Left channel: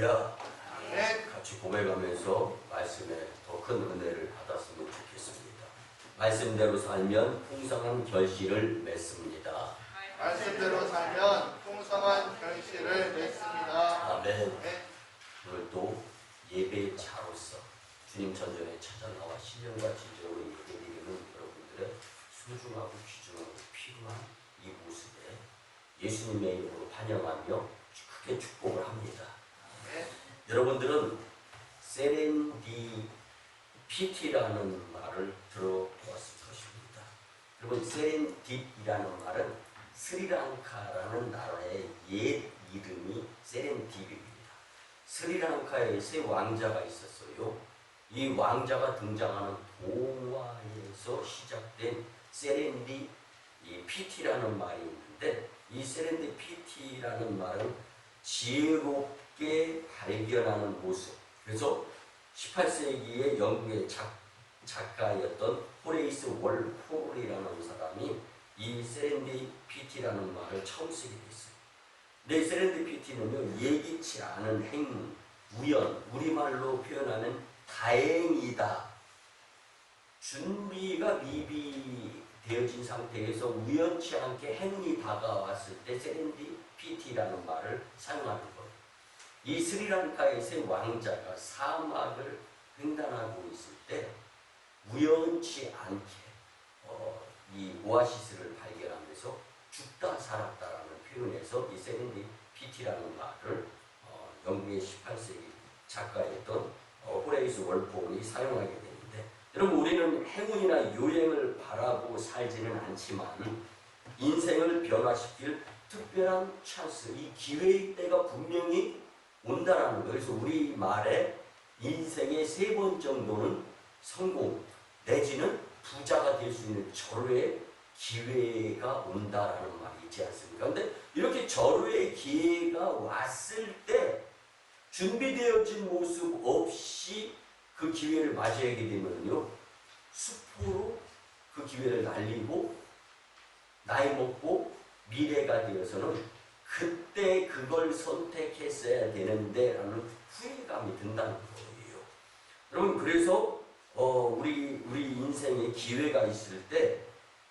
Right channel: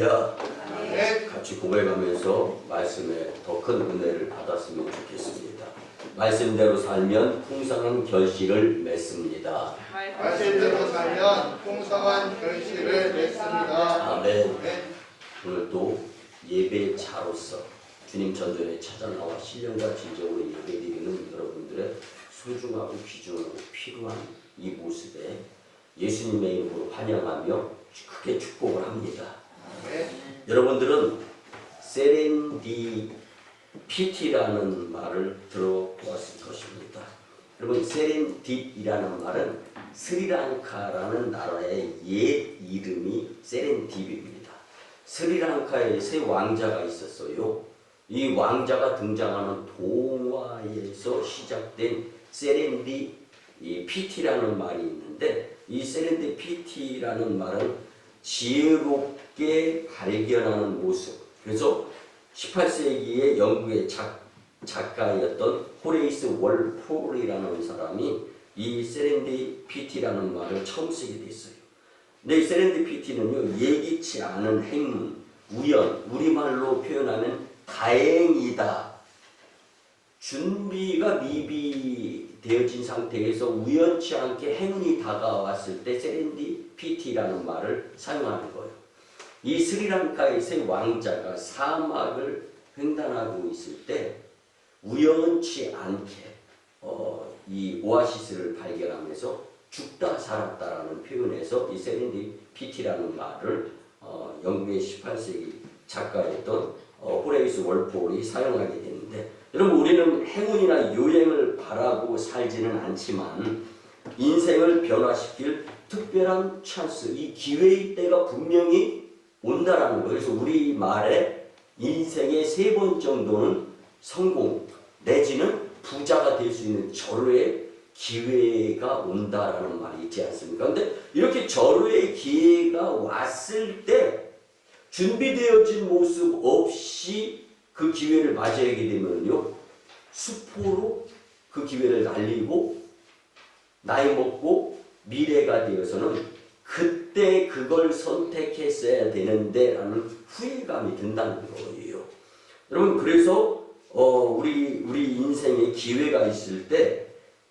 할렐루야. 네. 같이 고백하면서 말씀에 더 큰 은혜를 받았으면 좋겠습니다. 말씀대로 살면 풍성한 결실을 맺습니다. 말씀대로 살면 풍성한 결실을 맺습니다. 아멘. 네. 오늘 또 예배자로서 주님 전전에 찾아 나와 신령과 진정으로 예배드리는 여러분들의 소중하고 귀중하고 필요한 이 모습에 예수님의 이름으로 환영하며 크게 축복을 합니다. 네. 여러분들은 세렌디피티라는 말을 들어보았을 것입니다. 여러분, 세렌딥이라는 말은 스리랑카라는 나라의 옛 이름이 세렌딥입니다. 스리랑카에 세 왕자가 있었어요. 이 왕자가 등장하는 동화에서 시작된 세렌디피티라는 말이 있는데, 이 세렌디피티라는 말은 지혜롭게 발견하는 모습. 그래서 18세기에 영국의 작가였던 호레이스 월폴이라는 사람이 이 세렌디피티라는 말을 처음 쓰게 됐어요. 근데 이 세렌디피티는요, 예기치 않은 행운, 우연, 우리말로 표현하면 다행이다. 준비가 미비되어진 상태에서 우연치 않게 행운이 다가왔을 때 세렌디피티라는 말을 사용하는 거예요. 이 스리랑카의 세 왕자가 사막을 횡단하고 있을 때 우연치 않게 이 오아시스를 발견하면서 죽다 살았다라는 표현에서 이 세렌디피티라는 말을 영국의 18세기 작가였던 호레이스 월폴이 사용하게 되는데, 여러분, 우리는 행운이나 요행을 바라고 살지는 않지만 인생을 변화시킬 특별한 찬스, 이 기회의 때가 분명히 온다라는 거예요. 그래서 우리 말에 인생의 3번 정도는 성공 내지는 부자가 될 수 있는 절호의 기회가 온다라는 말이 있지 않습니까? 근데 이렇게 절호의 기회가 왔을 때 준비되어진 모습 없이 그 기회를 맞이하게 되면요, 수포로 그 기회를 날리고 나이 먹고 미래가 되어서는 그때 그걸 선택했어야 되는데 라는 후회감이 든다는 거예요. 여러분, 그래서 우리 인생에 기회가 있을 때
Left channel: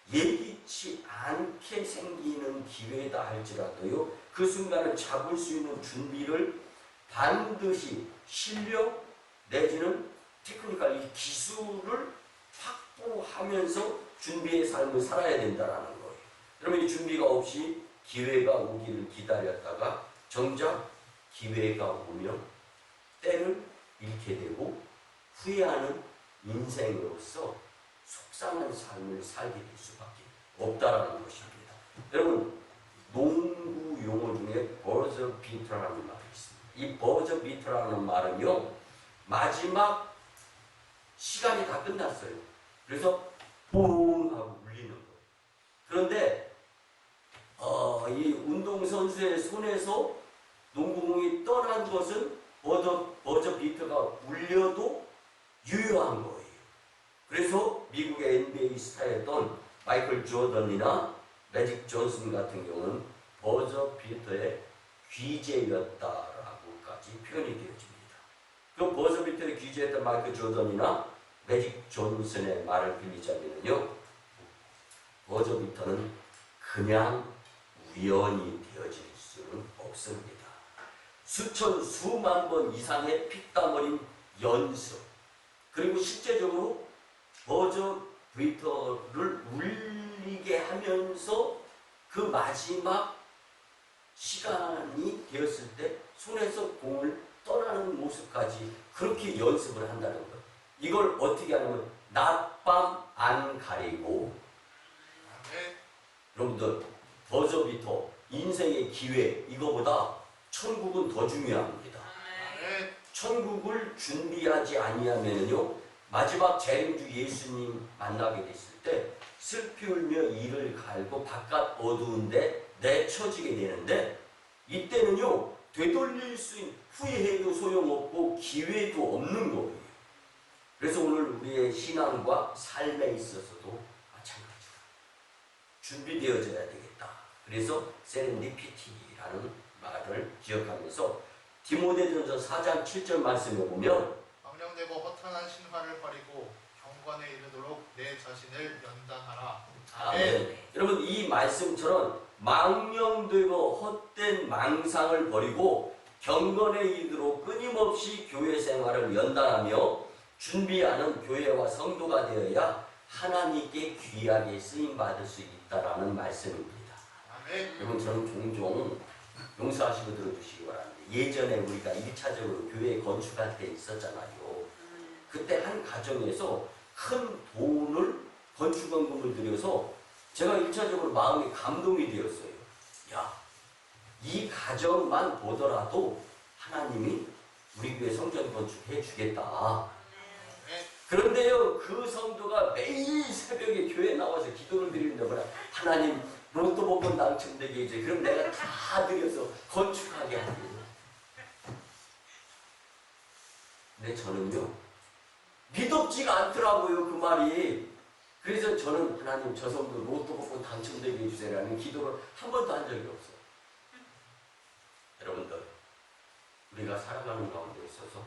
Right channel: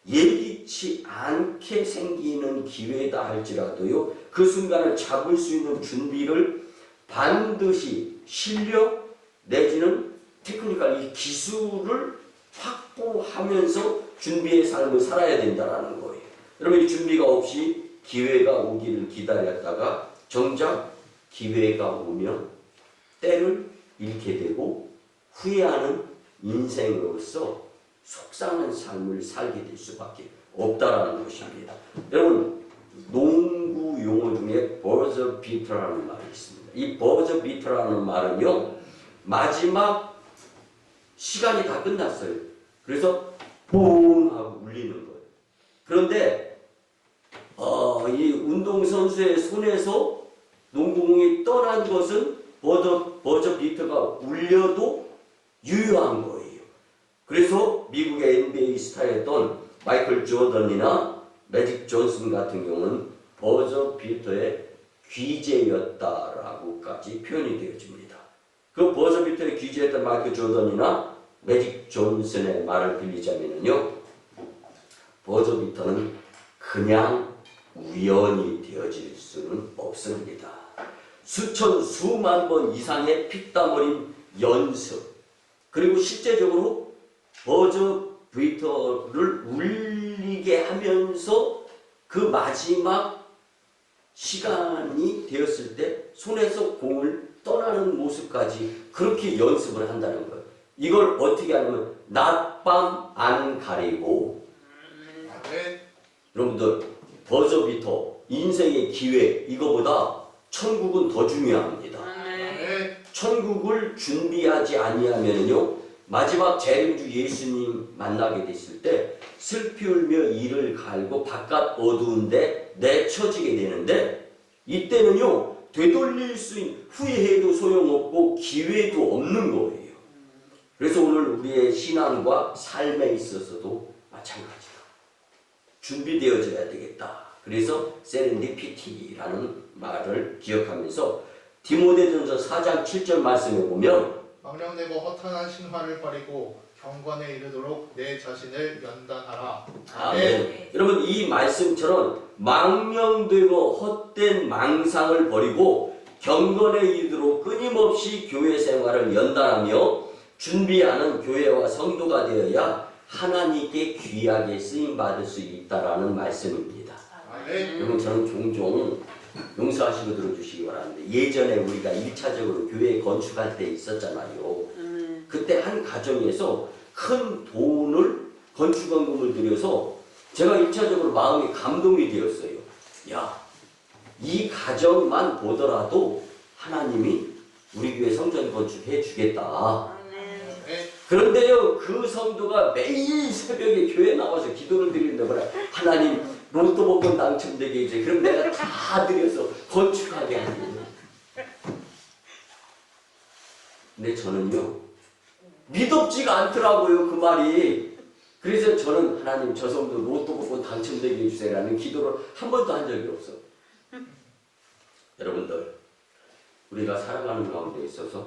예기치 않게 생기는 기회다 할지라도요, 그 순간을 잡을 수 있는 준비를 반드시 실력 내지는 테크니컬, 이 기술을 확보하면서 준비의 삶을 살아야 된다는 거예요. 여러분, 이 준비가 없이 기회가 오기를 기다렸다가 정작 기회가 오면 때를 잃게 되고 후회하는 인생으로서 속상한 삶을 살게 될 수밖에 없다라는 것입니다. 여러분, 농구 용어 중에 버저 비터라는 말이 있습니다. 이 버저 비터라는 말은요, 마지막 시간이 다 끝났어요. 그래서 뽕 하고 울리는 거예요. 그런데 이 운동선수의 손에서 농구공이 떠난 것은 버저 비터가 울려도 유효한 거예요. 그래서 미국의 NBA 스타였던 마이클 조던이나 매직 존슨 같은 경우는 버저 비터의 귀재였다라고까지 표현이 되어집니다. 그 버저 비터의 귀재였던 마이클 조던이나 매직 존슨의 말을 빌리자면요, 버저 비터는 그냥 우연이 되어질 수는 없습니다. 수천 수만 번 이상의 피땀 흘린 연습, 그리고 실제적으로 버저 비터를 울리게 하면서 그 마지막 시간이 되었을 때 손에서 공을 떠나는 모습까지 그렇게 연습을 한다는 거예요. 이걸 어떻게 하냐면 낮밤 안 가리고, 여러분들, 버저 비터, 인생의 기회, 이거보다 천국은 더 중요합니다. 천국을 준비하지 아니하면요, 마지막 재림주 예수님 만나게 됐을 때 슬피 울며 이를 갈고 바깥 어두운데 내쳐지게 되는데, 이때는요, 되돌릴 수 있는, 후회해도 소용없고 기회도 없는 거예요. 그래서 오늘 우리의 신앙과 삶에 있어서도 마찬가지다. 준비되어져야 되겠다. 그래서 세렌디피티라는 말을 기억하면서 디모데전서 4장 7절 말씀에 보면 망령되고 허탄한 신화를 버리고 경건에 이르도록 내 자신을 연단하라. 아멘. 여러분 이 말씀처럼 망령되고 헛된 망상을 버리고 경건에 이르도록 끊임없이 교회 생활을 연단하며 준비하는 교회와 성도가 되어야 하나님께 귀하게 쓰임받을 수 있다라는 말씀입니다. 아멘. 여러분 저는 종종 용서하시고 들어주시기 바랍니다. 예전에 우리가 1차적으로 교회 건축할 때 있었잖아요. 그때 한 가정에서 큰 돈을 건축원금을 들여서 제가 1차적으로 마음이 감동이 되었어요. 야, 이 가정만 보더라도 하나님이 우리 교회 성전 건축해 주겠다. 그런데요, 그 성도가 매일 새벽에 교회 나와서 기도를 드리는데 뭐라 하나님 로또 복권 당첨되게 해주세요. 그럼 내가 다 드려서 건축하게 하거든요. 근데 저는요, 믿op지가 않더라고요, 그 말이. 그래서 저는 하나님 저 성도 로또 복권 당첨되게 해주세요라는 기도를 한 번도 한 적이 없어요. 여러분들, 우리가 살아가는 가운데 있어서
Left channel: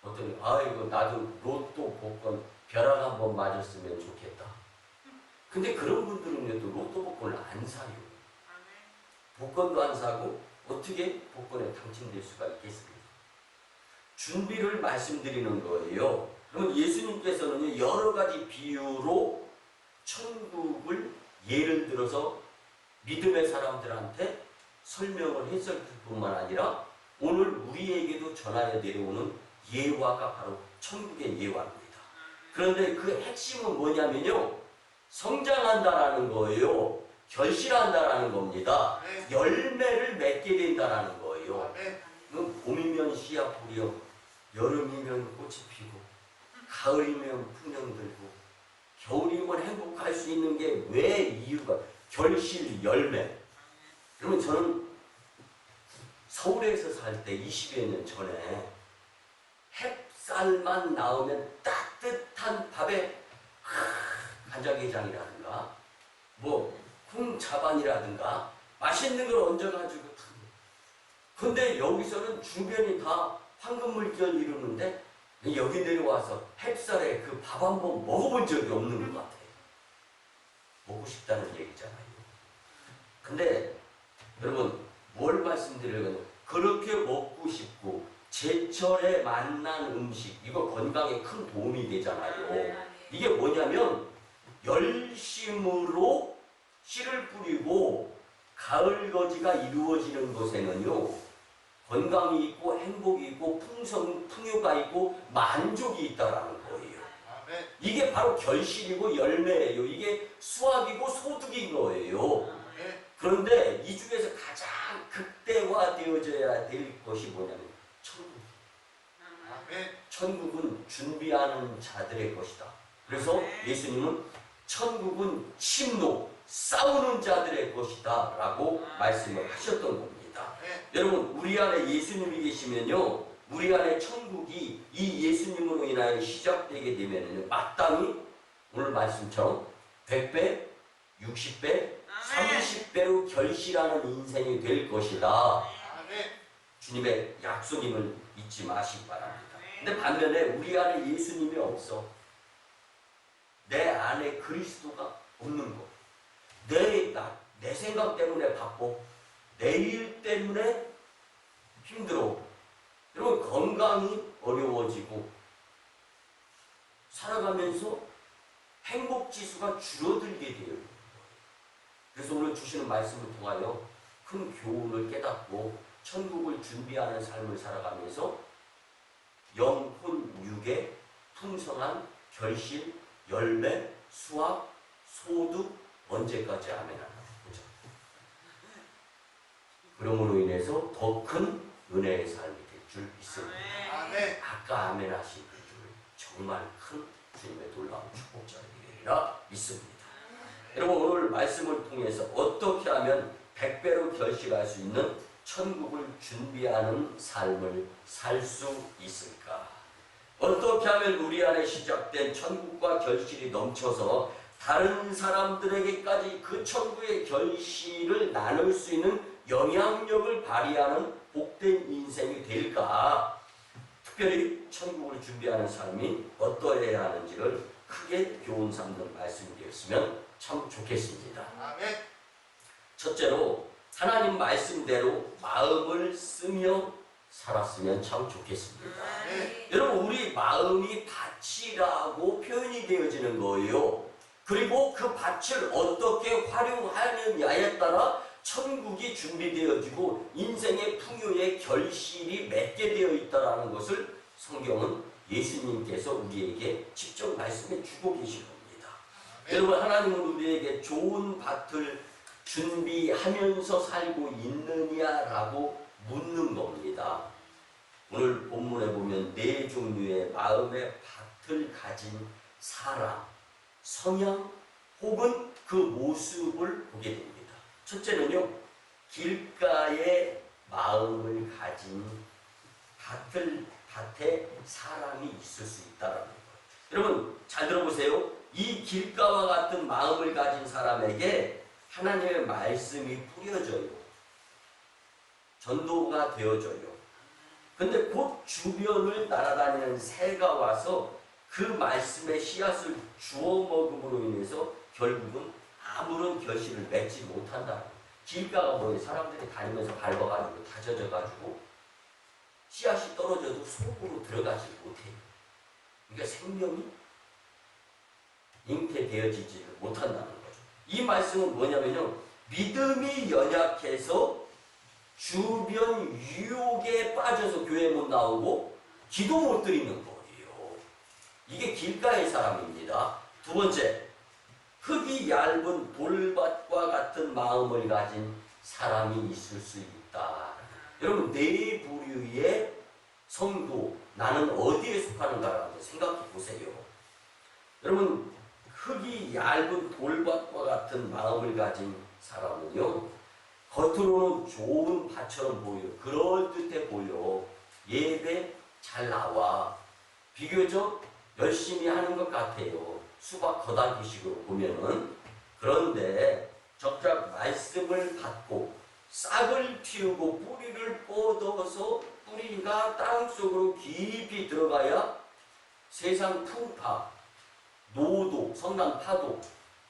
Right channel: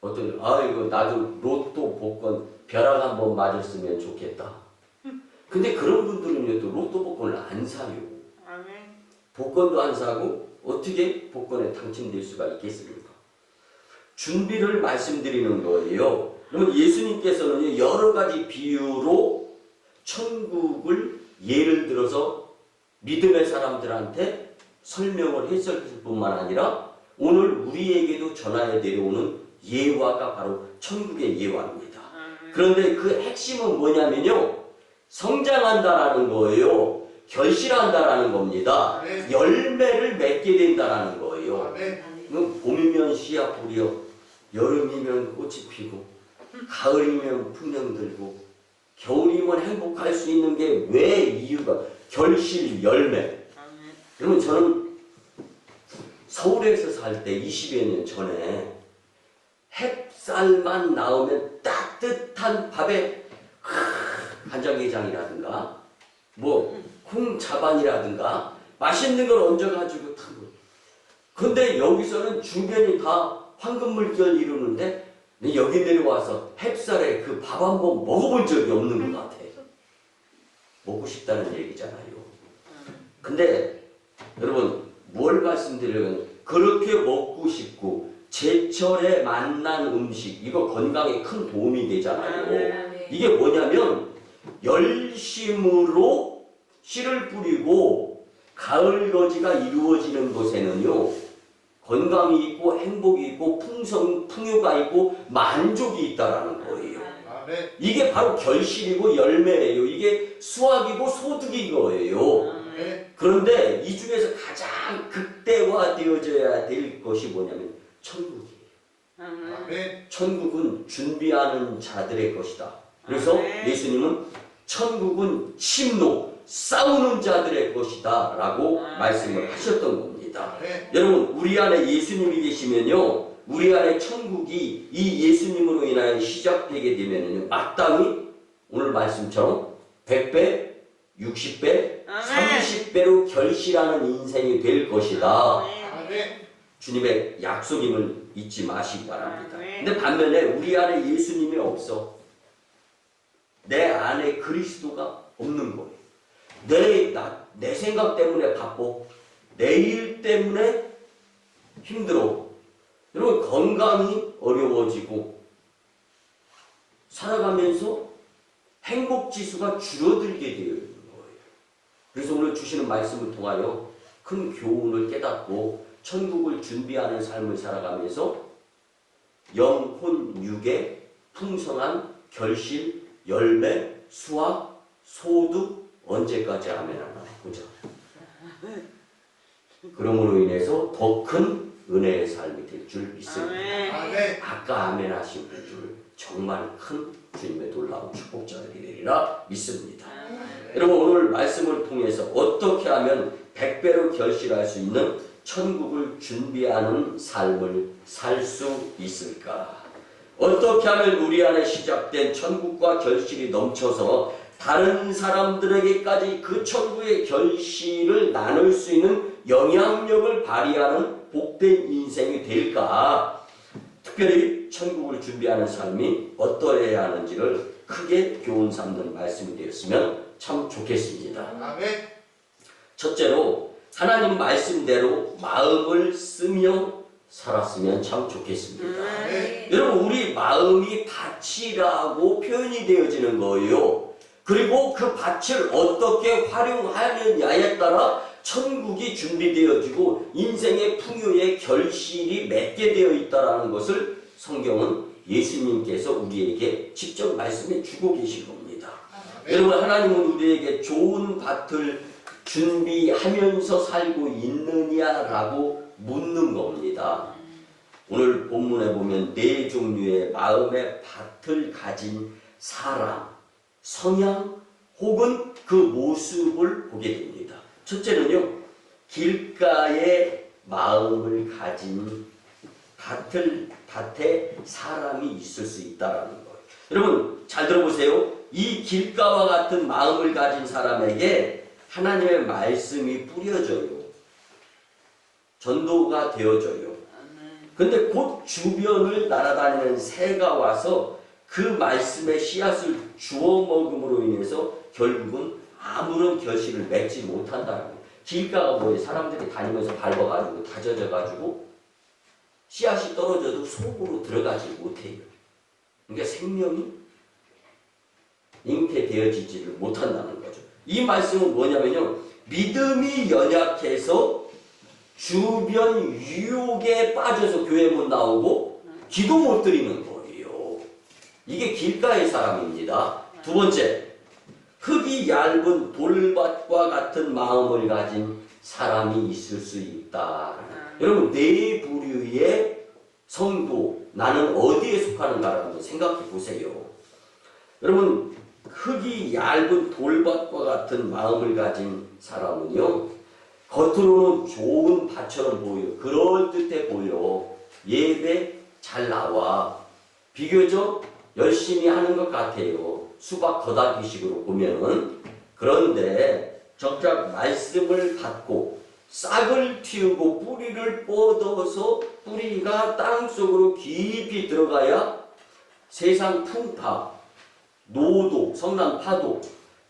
어떤 이거 나도 로또 복권 벼락 한번 맞았으면 좋겠다. 근데 그런 분들은요 또 로또 복권을 안 사요. 복권도 안 사고 어떻게 복권에 당첨될 수가 있겠습니까? 준비를 말씀드리는 거예요. 그러면 예수님께서는 여러 가지 비유로 천국을 예를 들어서 믿음의 사람들한테 설명을 했을 뿐만 아니라 오늘 우리에게도 전하여 내려오는 예화가 바로 천국의 예화입니다. 그런데 그 핵심은 뭐냐면요, 성장한다라는 거예요. 결실한다라는 겁니다. 아멘. 열매를 맺게 된다라는 거예요. 아멘. 봄이면 씨앗 뿌려, 여름이면 꽃이 피고, 가을이면 풍년 들고, 겨울이면 행복할 수 있는 게 왜 이유가 결실, 열매. 여러분 저는 서울에서 살 때 20여 년 전에 햇살만 나오면 따뜻한 밥에 간장게장이라든가 뭐 콩자반이라든가 맛있는 걸 얹어가지고 타고. 근데 여기서는 주변이 다 황금물결 이루는데 여기 내려와서 햇살에 그 밥 한 번 먹어본 적이 없는 것 같아요. 먹고 싶다는 얘기잖아요. 근데 여러분 뭘 말씀드리려면 그렇게 먹고 싶고 제철에 만난 음식 이거 건강에 큰 도움이 되잖아요. 이게 뭐냐면 열심으로 씨를 뿌리고 가을거지가 이루어지는 곳에는요 건강이 있고 행복이 있고 풍요가 있고 만족이 있다라는 거예요. 아멘. 이게 바로 결실이고 열매예요. 이게 수확이고 소득인 거예요. 아멘. 그런데 이 중에서 가장 극대화되어져야 될 것이 뭐냐면 천국이에요. 아멘. 천국은 준비하는 자들의 것이다. 그래서 예수님은 천국은 침노, 싸우는 자들의 것이다 라고 말씀을 하셨던 겁니다. 아멘. 여러분 우리 안에 예수님이 계시면요 우리 안에 천국이 이 예수님으로 인하여 시작되게 되면요 마땅히 오늘 말씀처럼 100배, 60배, 30배로 결실하는 인생이 될 것이다. 아멘. 주님의 약속임을 잊지 마시기 바랍니다. 근데 반면에 우리 안에 예수님이 없어. 내 안에 그리스도가 없는 거예요. 내 생각 때문에 바빠. 내 일 때문에 힘들어. 여러분 건강이 어려워지고 살아가면서 행복지수가 줄어들게 되어 있는 거예요. 그래서 오늘 주시는 말씀을 통하여 큰 교훈을 깨닫고 천국을 준비하는 삶을 살아가면서 영혼 육의 풍성한 결실, 열매, 수확, 소득 언제까지 아멘 하나 보자. 그러므로 인해서 더 큰 은혜의 삶이 될 줄 믿습니다. 아멘. 아까 아멘 하신 줄 정말 큰 주님의 놀라운 축복자들이 되리라 믿습니다. 여러분 오늘 말씀을 통해서 어떻게 하면 100배로 결실할 수 있는 천국을 준비하는 삶을 살 수 있을까? 어떻게 하면 우리 안에 시작된 천국과 결실이 넘쳐서 다른 사람들에게까지 그 천국의 결실을 나눌 수 있는 영향력을 발휘하는 복된 인생이 될까? 특별히 천국을 준비하는 삶이 어떠해야 하는지를 크게 교훈 삼는 말씀이 되었으면 참 좋겠습니다. 아멘. 첫째로 하나님 말씀대로 마음을 쓰며 살았으면 참 좋겠습니다. 아멘. 여러분, 우리 마음이 밭이라고 표현이 되어지는 거예요. 그리고 그 밭을 어떻게 활용하느냐에 따라 천국이 준비되어지고 인생의 풍요의 결실이 맺게 되어 있다는 것을 성경은 예수님께서 우리에게 직접 말씀해 주고 계신 겁니다. 아멘. 여러분, 하나님은 우리에게 좋은 밭을 준비하면서 살고 있느냐라고 묻는 겁니다. 오늘 본문에 보면 네 종류의 마음의 밭을 가진 사람, 성향 혹은 그 모습을 보게 됩니다. 첫째는요, 길가에 마음을 가진 밭에 사람이 있을 수 있다는 거예요. 여러분, 잘 들어보세요. 이 길가와 같은 마음을 가진 사람에게 하나님의 말씀이 뿌려져요. 전도가 되어져요. 근데 곧 주변을 날아다니는 새가 와서 그 말씀의 씨앗을 주워 먹음으로 인해서 결국은 아무런 결실을 맺지 못한다는 거예요. 길가가 뭐예요? 사람들이 다니면서 밟아가지고 다져져가지고 씨앗이 떨어져도 속으로 들어가지 못해요. 그러니까 생명이 잉태되어지지를 못한다는 거죠. 이 말씀은 뭐냐면요, 믿음이 연약해서 주변 유혹에 빠져서 교회 못 나오고 기도 못 드리는 거예요. 이게 길가의 사람입니다. 두 번째, 흙이 얇은 돌밭과 같은 마음을 가진 사람이 있을 수 있다. 여러분, 네 부류의 성도, 나는 어디에 속하는가를 한번 생각해 보세요. 여러분, 흙이 얇은 돌밭과 같은 마음을 가진 사람은요, 겉으로는 좋은 밭처럼 보여요. 그럴듯해 보여. 예배 잘 나와. 비교적 열심히 하는 것 같아요. 수박 거다기식으로 보면은. 그런데 정작 말씀을 받고 싹을 틔우고 뿌리를 뻗어서 뿌리가 땅속으로 깊이 들어가야 세상 풍파, 노도, 성난 파도,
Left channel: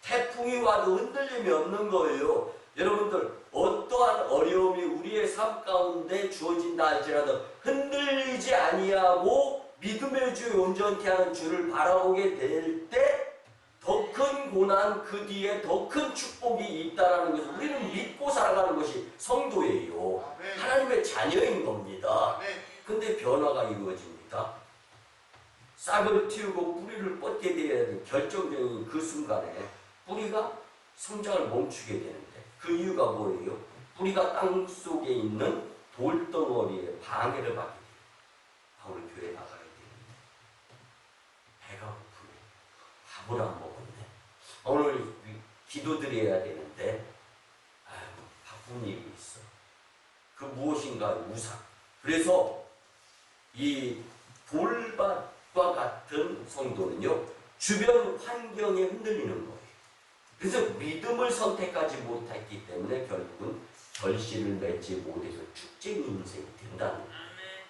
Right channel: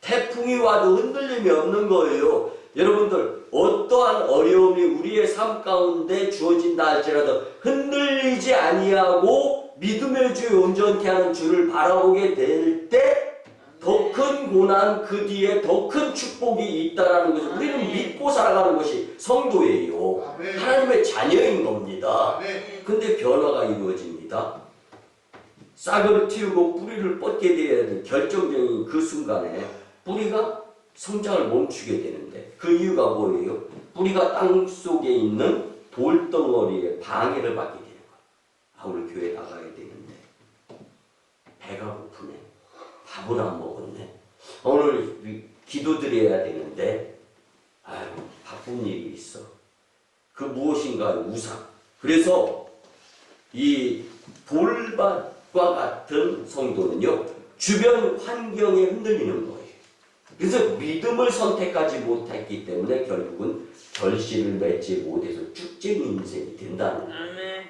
태풍이 와도 흔들림이 없는 거예요. 여러분들, 어떠한 어려움이 우리의 삶 가운데 주어진다 할지라도 흔들리지 아니하고 믿음의 주에 온전케 하는 주를 바라보게 될 때 더 큰 고난, 그 뒤에 더 큰 축복이 있다라는 것을 우리는 믿고 살아가는 것이 성도예요. 아멘. 하나님의 자녀인 겁니다. 아멘. 근데 변화가 이루어집니다. 싹을 틔우고 뿌리를 뻗게 되어야 하는 결정적인 그 순간에 뿌리가 성장을 멈추게 되는데, 그 이유가 뭐예요? 뿌리가 땅 속에 있는 돌덩어리에 방해를 받게 돼요. 아, 오늘 교회 나가야 되는데 배가 고프네. 밥을 안 먹었네. 오늘 기도드려야 되는데 아유, 바쁜 일이 있어. 그 무엇인가 우상. 그래서 이 돌밭과 같은 성도는요, 주변 환경에 흔들리는 거예요. 그래서 믿음을 선택하지 못했기 때문에 결국은 결실을 맺지 못해서 쭉쟁이 인생이 된다는 거예요.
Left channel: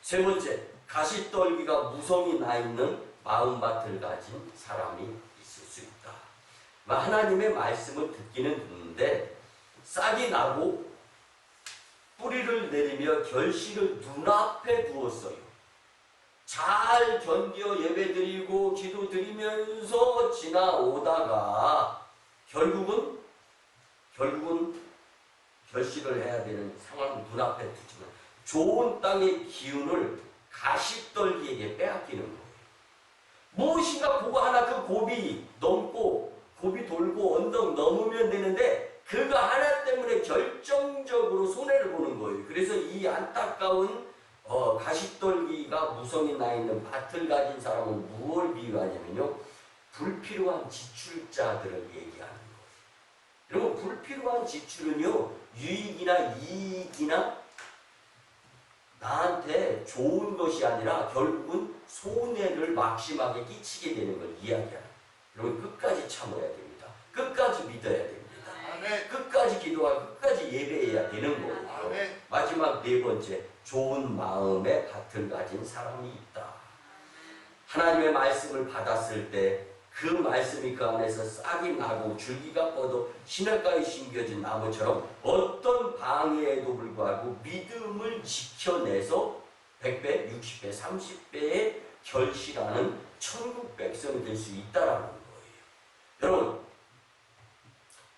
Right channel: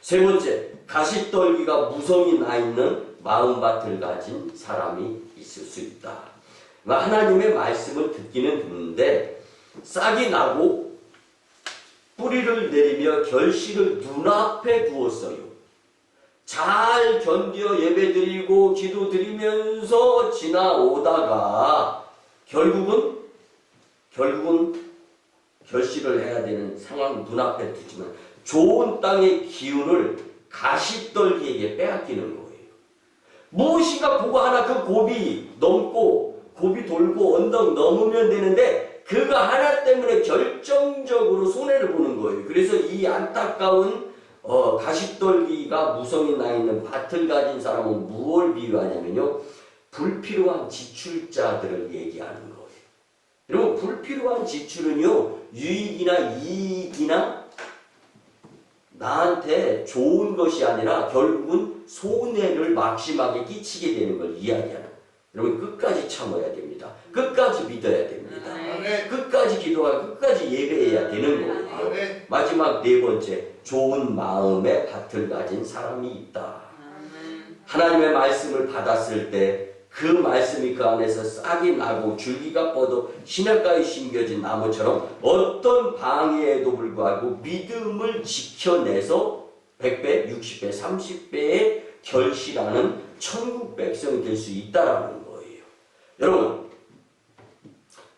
세 번째, 가시떨기가 무성이 나 있는 마음밭을 가진 사람이 있을 수 있다. 하나님의 말씀을 듣기는 듣는데 싹이 나고 뿌리를 내리며 결실을 눈앞에 두었어요. 잘 견뎌 예배드리고 기도드리면서 지나오다가 결국은 결실을 해야 되는 상황을 눈앞에 두지만 좋은 땅의 기운을 가시떨기에게 빼앗기는 거예요. 무엇인가 보고 하나 그 고비 넘고 고비 돌고 언덕 넘으면 되는데 그가 하나 때문에 결정적으로 손해를 보는 거예요. 그래서 이 안타까운 가시떨기가 무성이 나 있는 밭을 가진 사람은 무엇을 비유하냐면요, 불필요한 지출자들을 얘기하는 거예요. 여러분, 불필요한 지출은요, 유익이나 이익이나 나한테 좋은 것이 아니라 결국은 손해를 막심하게 끼치게 되는 걸 이야기하는 거예요. 여러분, 끝까지 참아야 됩니다. 끝까지 믿어야 됩니다. 아멘. 끝까지 기도하고 끝까지 예배해야 되는 거예요. 아멘. 마지막 네 번째, 좋은 마음의 밭을 가진 사람이 있다. 하나님의 말씀을 받았을 때 그 말씀이 그 안에서 싹이 나고 줄기가 뻗어 시냇가에 심겨진 나무처럼 어떤 방해에도 불구하고 믿음을 지켜내서 100배, 60배, 30배의 결실하는 천국 백성이 될 수 있다라는 거예요. 여러분,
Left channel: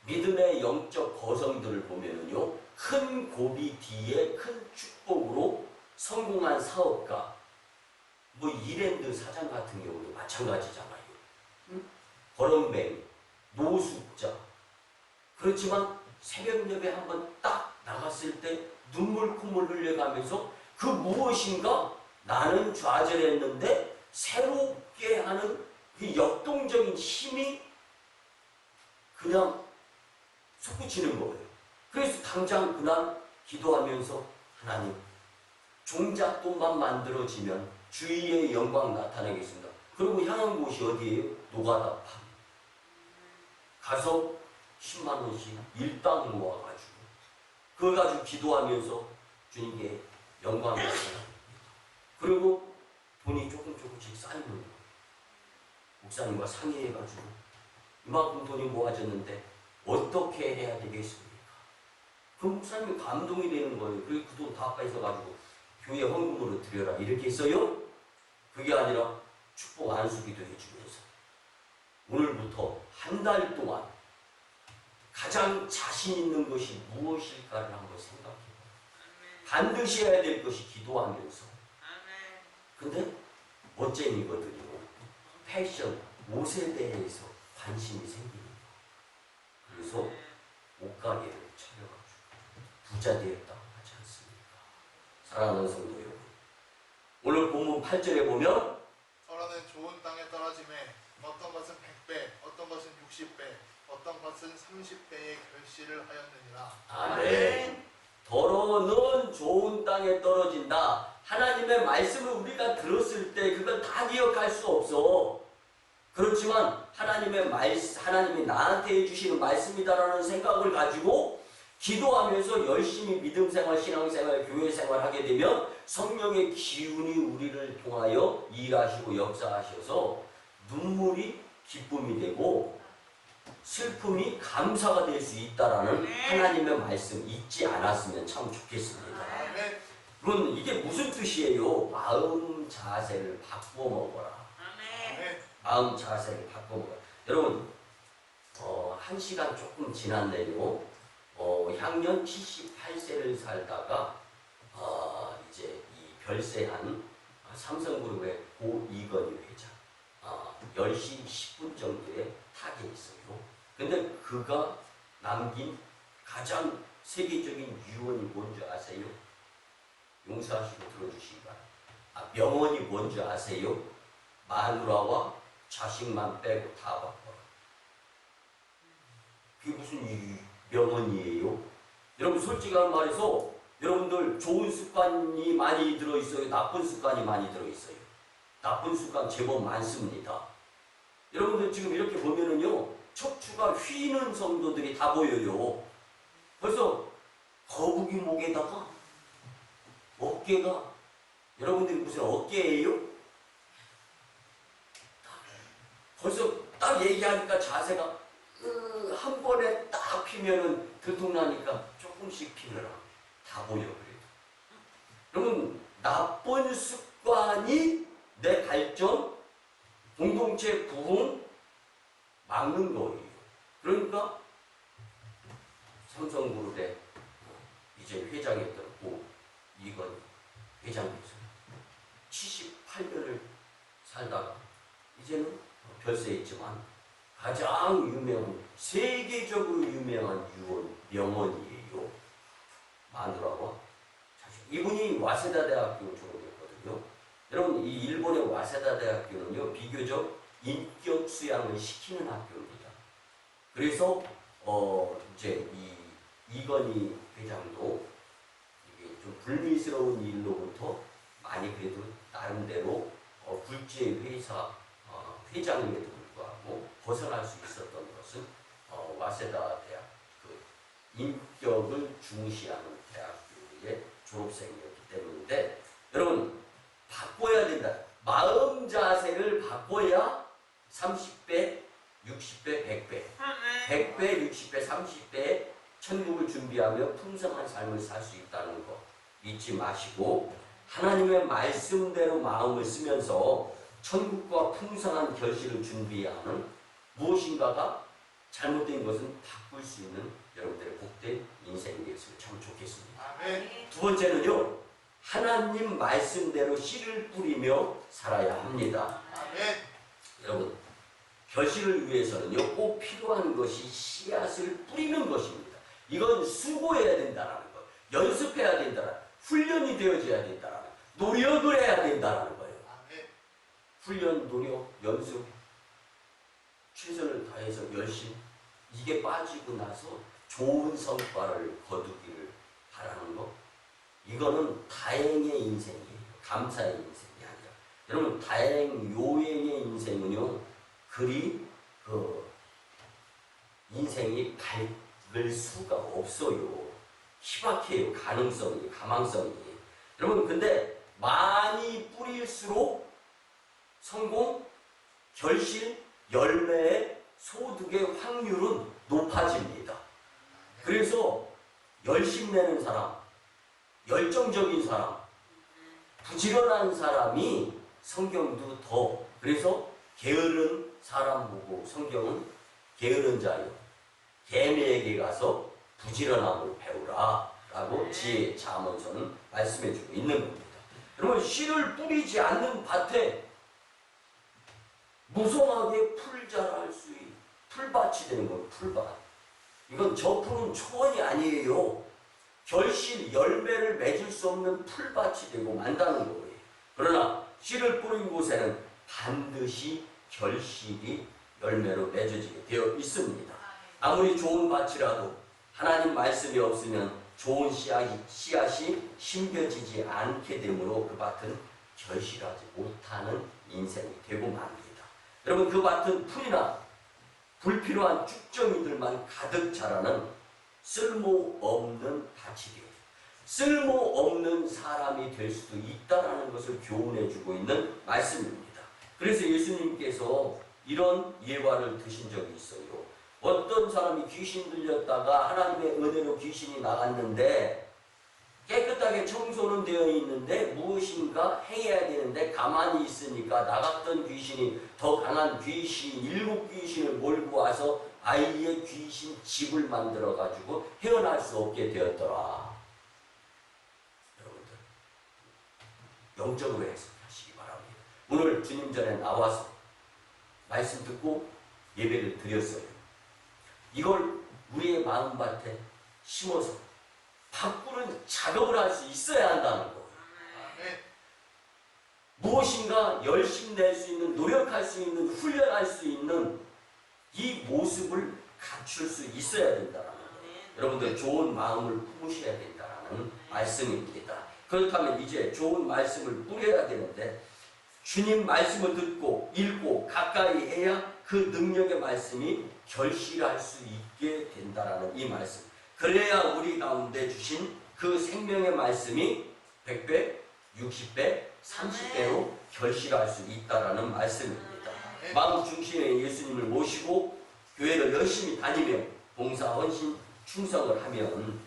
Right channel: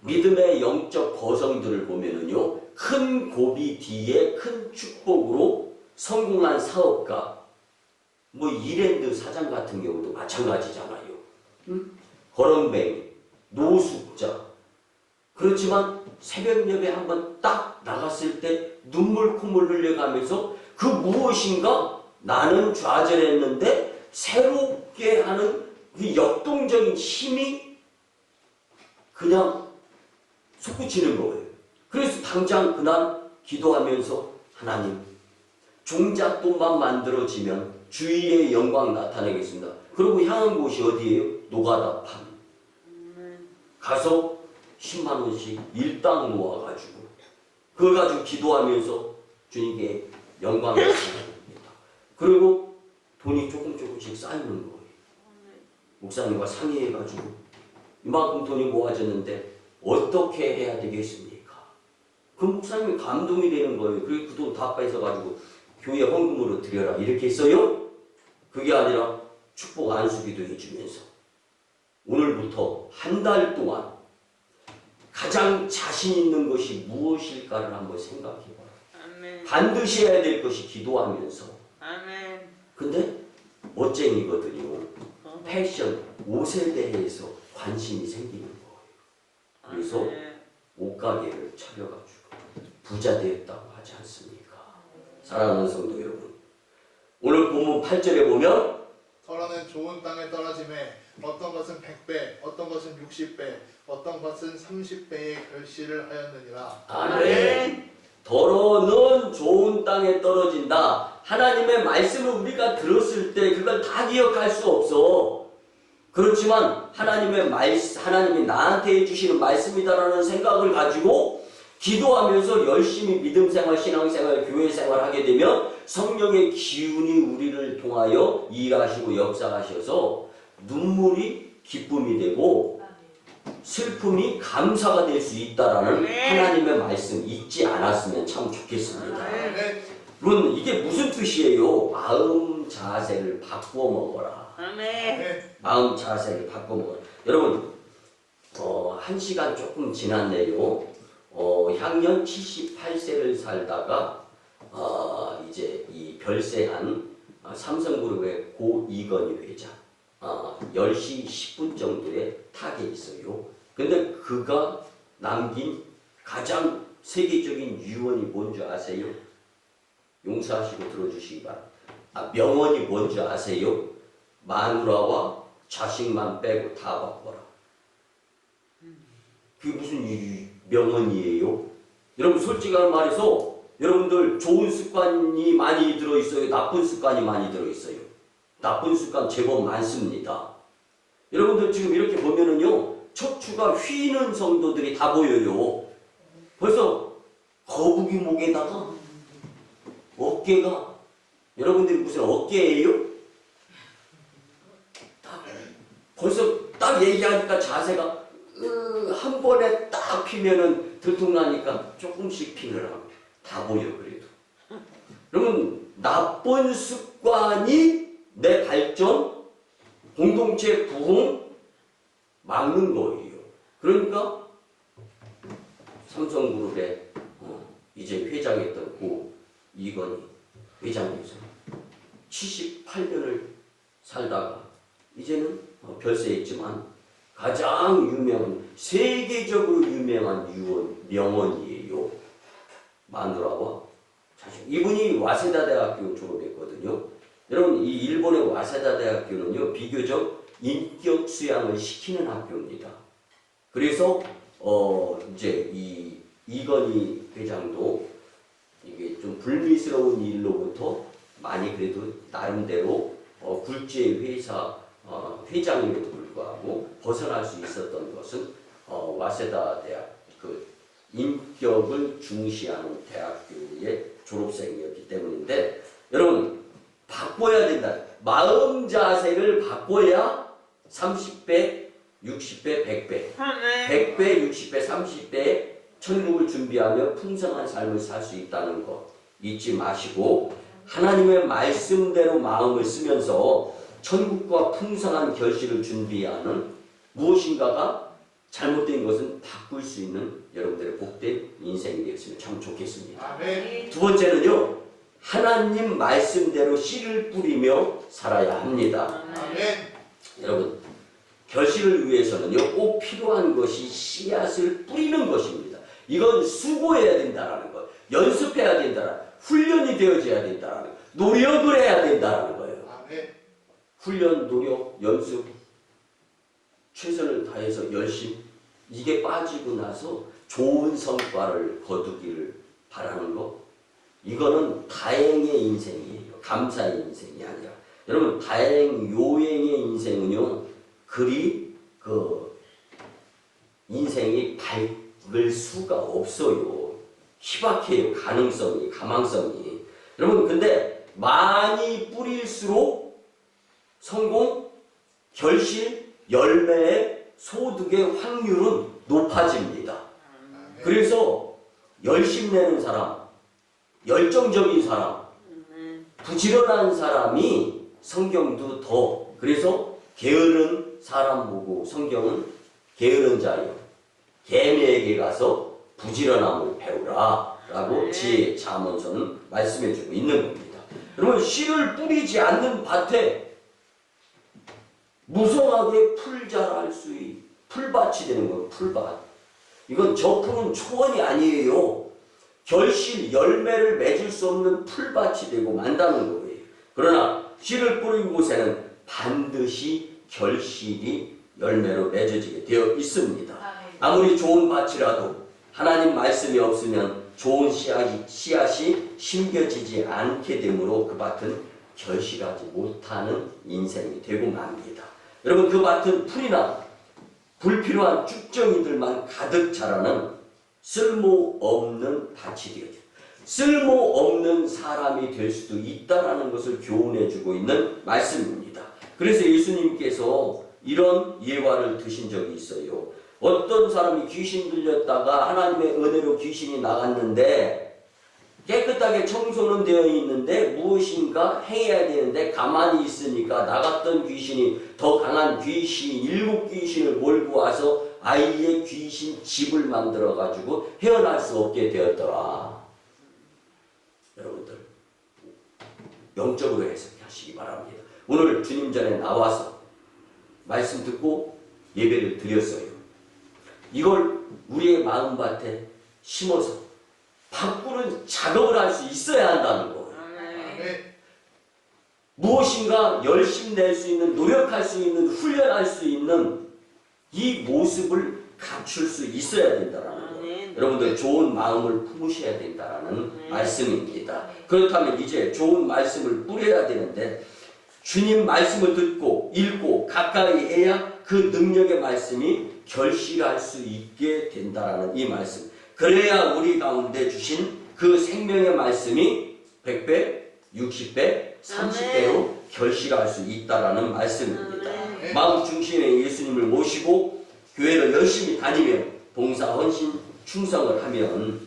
믿음의 영적 거성들을 보면은요, 큰 고비 뒤에 큰 축복으로 성공한 사업가, 뭐 이랜드 사장 같은 경우도 마찬가지잖아요. 거렁뱅이, 노숙자. 그렇지만 새벽 예배 한번 딱 나갔을 때 눈물 콧물 흘려가면서 그 무엇인가 나는 좌절했는데 새롭게 하는 그 역동적인 힘이 그냥 솟구치는 거예요. 그래서 당장 그날 기도하면서 하나님, 종잣돈만 만들어지면 주의의 영광 나타내겠습니다. 그리고 향한 곳이 어디예요? 노가다판. 가서 10만 원씩 일당 모아가지고 그걸 가지고 기도하면서 주님께 영광을 나타냅니다. 그리고 돈이 조금씩 쌓이는 거예요. 목사님과 상의해가지고 이만큼 돈이 모아졌는데 어떻게 해야 되겠습니까? 그 목사님이 감동이 되는 거예요. 그리고 그 돈 다 뺏어가지고 교회 헌금으로 드려라 이렇게 했어요. 그게 아니라 축복 안수기도 해주면서 오늘부터 한 달 동안 가장 자신 있는 것이 무엇일까를 한번 생각해봐요. 반드시 해야 될 것이 기도하면서. 근데 멋쟁이거든요. 패션, 옷에 대해서 관심이 생기는 거예요. 그래서 옷가게를 차려가지고 부자 되었다고 하지 않습니까? 사랑하는 성도 여러분, 오늘 본문 8절에 보면 더러는 좋은 땅에 떨어짐에 어떤 것은 100배, 어떤 것은 60배, 어떤 것은 30배의 결실을 하였느니라. 아멘. 더러는 좋은 땅에 떨어진다. 하나님의 말씀을 우리가 들었을 때 그걸 다 기억할 수 없어. 그렇지만 하나님이 나한테 해주시는 말씀이다라는 생각을 가지고 기도하면서 열심히 믿음생활, 신앙생활, 교회생활 하게 되면 성령의 기운이 우리를 통하여 일하시고 역사하셔서 눈물이 기쁨이 되고 슬픔이 감사가 될 수 있다라는 하나님의 말씀 잊지 않았으면 참 좋겠습니다. 물론 이게 무슨 뜻이에요? 마음 자세를 바꾸어 먹어라. 마음 자세를 바꾸어 먹어라. 여러분, 1시간 조금 지났네요. 향년 78세를 살다가 이제 이 별세한 삼성그룹의 고 이건희 회장 10시 10분 정도에 타계에 있어요. 근데 그가 남긴 가장 세계적인 유언이 뭔지 아세요? 용서하시고 들어주시기 바랍니다. 명언이 뭔지 아세요? 마누라와 자식만 빼고 다 바꿔라. 그게 무슨 명언이에요? 여러분, 솔직한 말해서 여러분들 좋은 습관이 많이 들어있어요? 나쁜 습관이 많이 들어있어요? 나쁜 습관 제법 많습니다. 여러분들 지금 이렇게 보면은요, 척추가 휘는 성도들이 다 보여요. 벌써 거북이 목에다가 어깨가, 여러분들이 무슨 어깨예요? 벌써 딱 얘기하니까 자세가 한 번에 딱 피면은 들통나니까 조금씩 피를 하고 다 보여. 그래도 여러분, 나쁜 습관이 내 발전, 공동체 부흥 막는 거예요. 그러니까 삼성그룹의 이제 회장했던 고 이건희 회장님께서 78년을 살다가 이제는 별세했지만 가장 유명한, 세계적으로 유명한 명언이에요. 마누라와 자식. 이분이 와세다 대학교 졸업했거든요. 여러분, 이 일본의 와세다 대학교는요, 비교적 인격 수양을 시키는 학교입니다. 그래서 이제 이 이건희 회장도 이게 좀 불미스러운 일로부터 많이 그래도 나름대로 굴지의 회사 회장임에도 불구하고 벗어날 수 있었던 것은 와세다 대학 그 인격을 중시하는 대학교의 졸업생이었기 때문인데 여러분 바꿔야 된다. 마음 자세를 바꿔야 30배, 60배, 100배, 100배, 60배, 30배 천국을 준비하며 풍성한 삶을 살 수 있다는 거 잊지 마시고 하나님의 말씀대로 마음을 쓰면서 천국과 풍성한 결실을 준비하는 무엇인가가 잘못된 것은 바꿀 수 있는 여러분들의 복된 인생이 되었으면 참 좋겠습니다. 아멘. 두 번째는요. 하나님 말씀대로 씨를 뿌리며 살아야 합니다. 아멘. 여러분 결실을 위해서는요. 꼭 필요한 것이 씨앗을 뿌리는 것입니다. 이건 수고해야 된다는 것, 연습해야 된다는 훈련이 되어져야 된다는 것, 노력을 해야 된다는 거예요. 아멘. 훈련, 노력, 연습, 최선을 다해서 열심히 이게 빠지고 나서 좋은 성과를 거두기를 바라는 것 이거는 다행의 인생이에요. 감사의 인생이 아니라 여러분 다행 요행의 인생은요 그리 인생이 밝을 수가 없어요. 희박해요. 가망성이 여러분 근데 많이 뿌릴수록 성공, 결실, 열매의 소득의 확률은 높아집니다. 그래서 열심 내는 사람, 열정적인 사람, 부지런한 사람이 성경도 더 그래서 게으른 사람 보고 성경은 게으른 자여 개미에게 가서 부지런함을 배우라 라고 지혜 잠언서는 말씀해주고 있는 겁니다. 여러분 씨를 뿌리지 않는 밭에 무성하게 풀 자랄 수 있는 풀밭이 되는 거예요. 풀밭. 이건 저 푸른 초원이 아니에요. 결실, 열매를 맺을 수 없는 풀밭이 되고 만다는 거예요. 그러나 씨를 뿌린 곳에는 반드시 결실이 열매로 맺어지게 되어 있습니다. 아무리 좋은 밭이라도 하나님 말씀이 없으면 좋은 씨앗이 심겨지지 않게 되므로 그 밭은 결실하지 못하는 인생이 되고 맙니다. 여러분 그 밭은 풀이나 불필요한 쭉정이들만 가득 자라는 쓸모없는 밭이 되어져요. 쓸모없는 사람이 될 수도 있다는 것을 교훈해주고 있는 말씀입니다. 그래서 예수님께서 이런 예화를 드신 적이 있어요. 어떤 사람이 귀신 들렸다가 하나님의 은혜로 귀신이 나갔는데 깨끗하게 청소는 되어 있는데 무엇인가 해야 되는데 가만히 있으니까 나갔던 귀신이 더 강한 귀신 7귀신을 몰고 와서 아이의 귀신 집을 만들어 가지고 헤어날 수 없게 되었더라. 여러분들 영적으로 해석하시기 바랍니다. 오늘 주님 전에 나와서 말씀 듣고 예배를 드렸어요. 이걸 우리의 마음밭에 심어서 바꾸는 작업을 할 수 있어야 한다는 거예요. 무엇인가 열심히 낼 수 있는, 노력할 수 있는, 훈련할 수 있는 이 모습을 갖출 수 있어야 된다는 거예요. 여러분들 좋은 마음을 품으셔야 된다는 말씀입니다. 그렇다면 이제 좋은 말씀을 뿌려야 되는데 주님 말씀을 듣고 읽고 가까이 해야 그 능력의 말씀이 결실할 수 있게 된다는 이 말씀. 그래야 우리 가운데 주신 그 생명의 말씀이 100배, 60배, 30배로 결실할 수 있다는 말씀입니다. 마음 중심에 예수님을 모시고 교회를 열심히 다니며 봉사, 헌신, 충성을 하면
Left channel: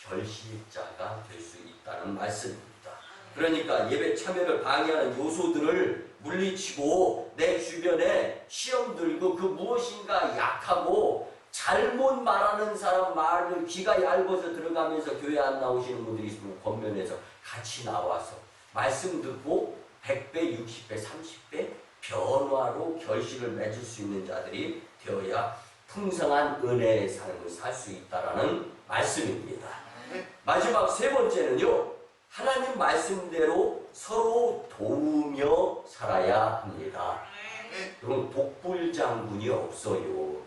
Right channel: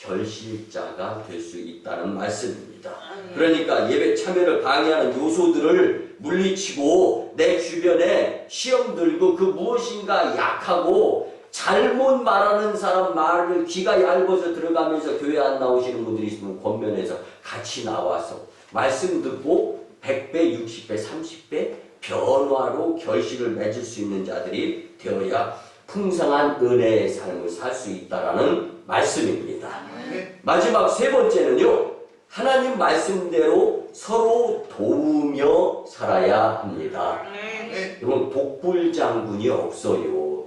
결실자가 될 수 있다는 말씀입니다. 그러니까 예배 참여를 방해하는 요소들을 물리치고 내 주변에 시험 들고 그 무엇인가 약하고 잘못 말하는 사람 말을 귀가 얇아서 들어가면서 교회 안 나오시는 분들이 있으면 권면해서 같이 나와서 말씀 듣고 100배, 60배, 30배 변화로 결실을 맺을 수 있는 자들이 되어야 풍성한 은혜의 삶을 살 수 있다라는 말씀입니다. 마지막 세 번째는요. 하나님 말씀대로 서로 도우며 살아야 합니다. 여러분 독불장군이 없어요.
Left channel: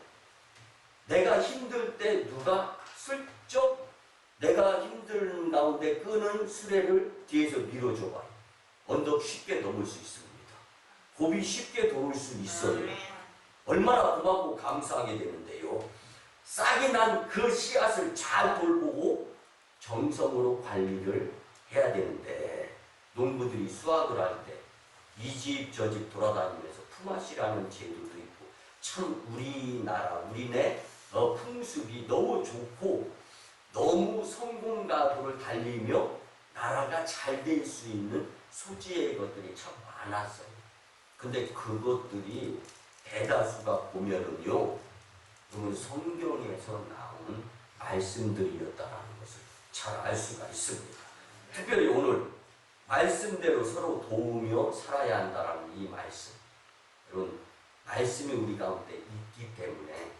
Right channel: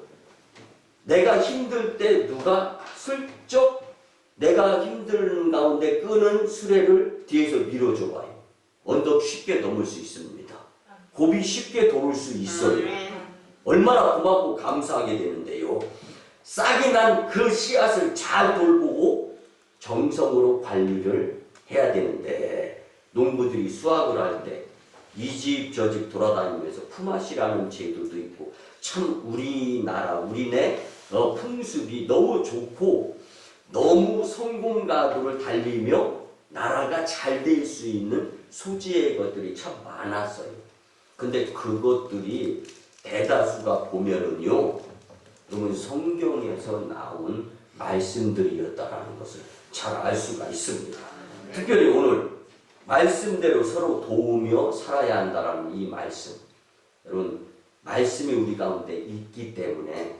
내가 힘들 때 누가 슬쩍 내가 힘든 가운데 끄는 수레를 뒤에서 밀어줘봐요. 언덕 쉽게 넘을 수 있습니다. 고비 쉽게 도울 수 있어요. 얼마나 고맙고 감사하게 되는데요. 싹이 난 그 씨앗을 잘 돌보고 정성으로 관리를 해야 되는데, 농부들이 수확을 할 때 이 집 저 집 돌아다니면서 품앗이라는 제도도 있고, 참 우리나라 우리네 풍습이 너무 좋고 너무 성공 가도를 달리며 나라가 잘 될 수 있는 소재의 것들이 참 많았어요. 근데 그것들이 대다수가 보면은요, 여러분 성경에서 나온 말씀들이었다라는 것을 잘 알 수가 있습니다. 특별히 오늘 말씀대로 서로 도우며 살아야 한다라는 이 말씀, 여러분 말씀이 우리 가운데 있기 때문에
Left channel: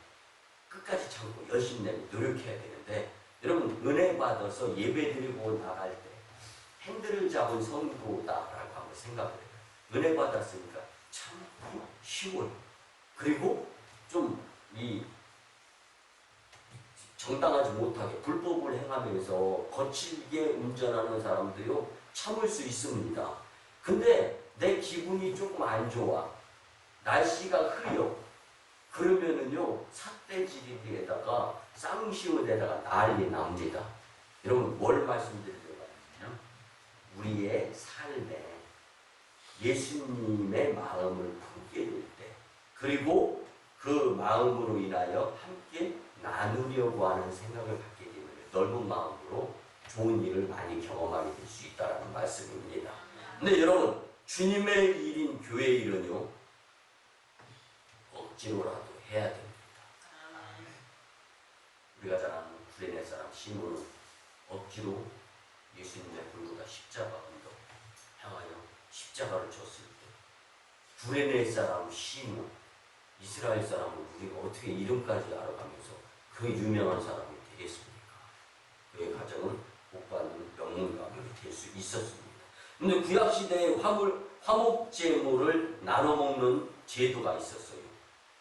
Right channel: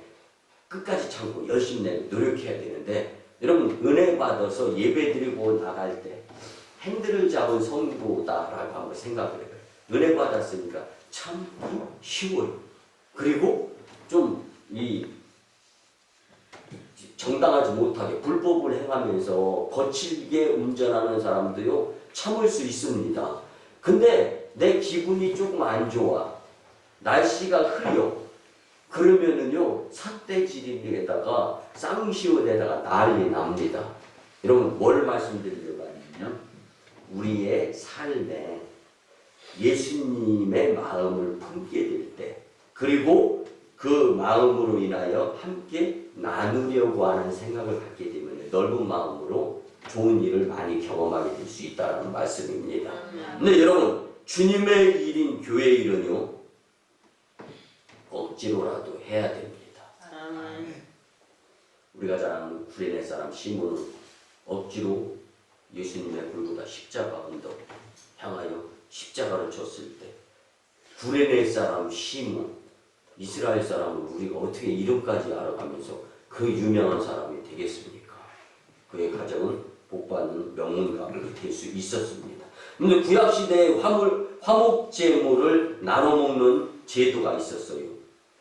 끝까지 참고 열심히 노력해야 되는데, 여러분 은혜 받아서 예배드리고 나갈 때 핸들을 잡은 성도다라고 한번 생각을 해요. 은혜 받았으니까 참기 쉬워요. 그리고 좀 이 정당하지 못하게 불법을 행하면서 거칠게 운전하는 사람도요 참을 수 있습니다. 근데 내 기분이 조금 안 좋아, 날씨가 흐려, 그러면은요 삿대지리에다가 쌍시옷에다가 난리 납니다. 여러분 뭘 말씀드리려고 하냐면, 우리의 삶에 예수님의 마음을 품게 될 때, 그리고 그 마음으로 인하여 함께 나누려고 하는 생각을 갖게 되면 넓은 마음으로 좋은 일을 많이 경험하게 될 수 있다는 말씀입니다. 근데 여러분 주님의 일인 교회 일은요 억지로라도 해야 됩니다. 우리가 잘 아는 구레네 사람 시몬은 억지로 예수님의 골고다 십자가 언덕 향하여 십자가를 줬을 때, 구레네 사람 시몬, 이스라엘 사람은 우리가 어떻게 이름까지 알아가면서 그 유명한 사람이 되겠습니까? 그의 가정은 복받는 명문 가문이 될 수 있었습니다. 그런데 구약시대에 화목제물을 나눠 먹는 제도가 있었어요.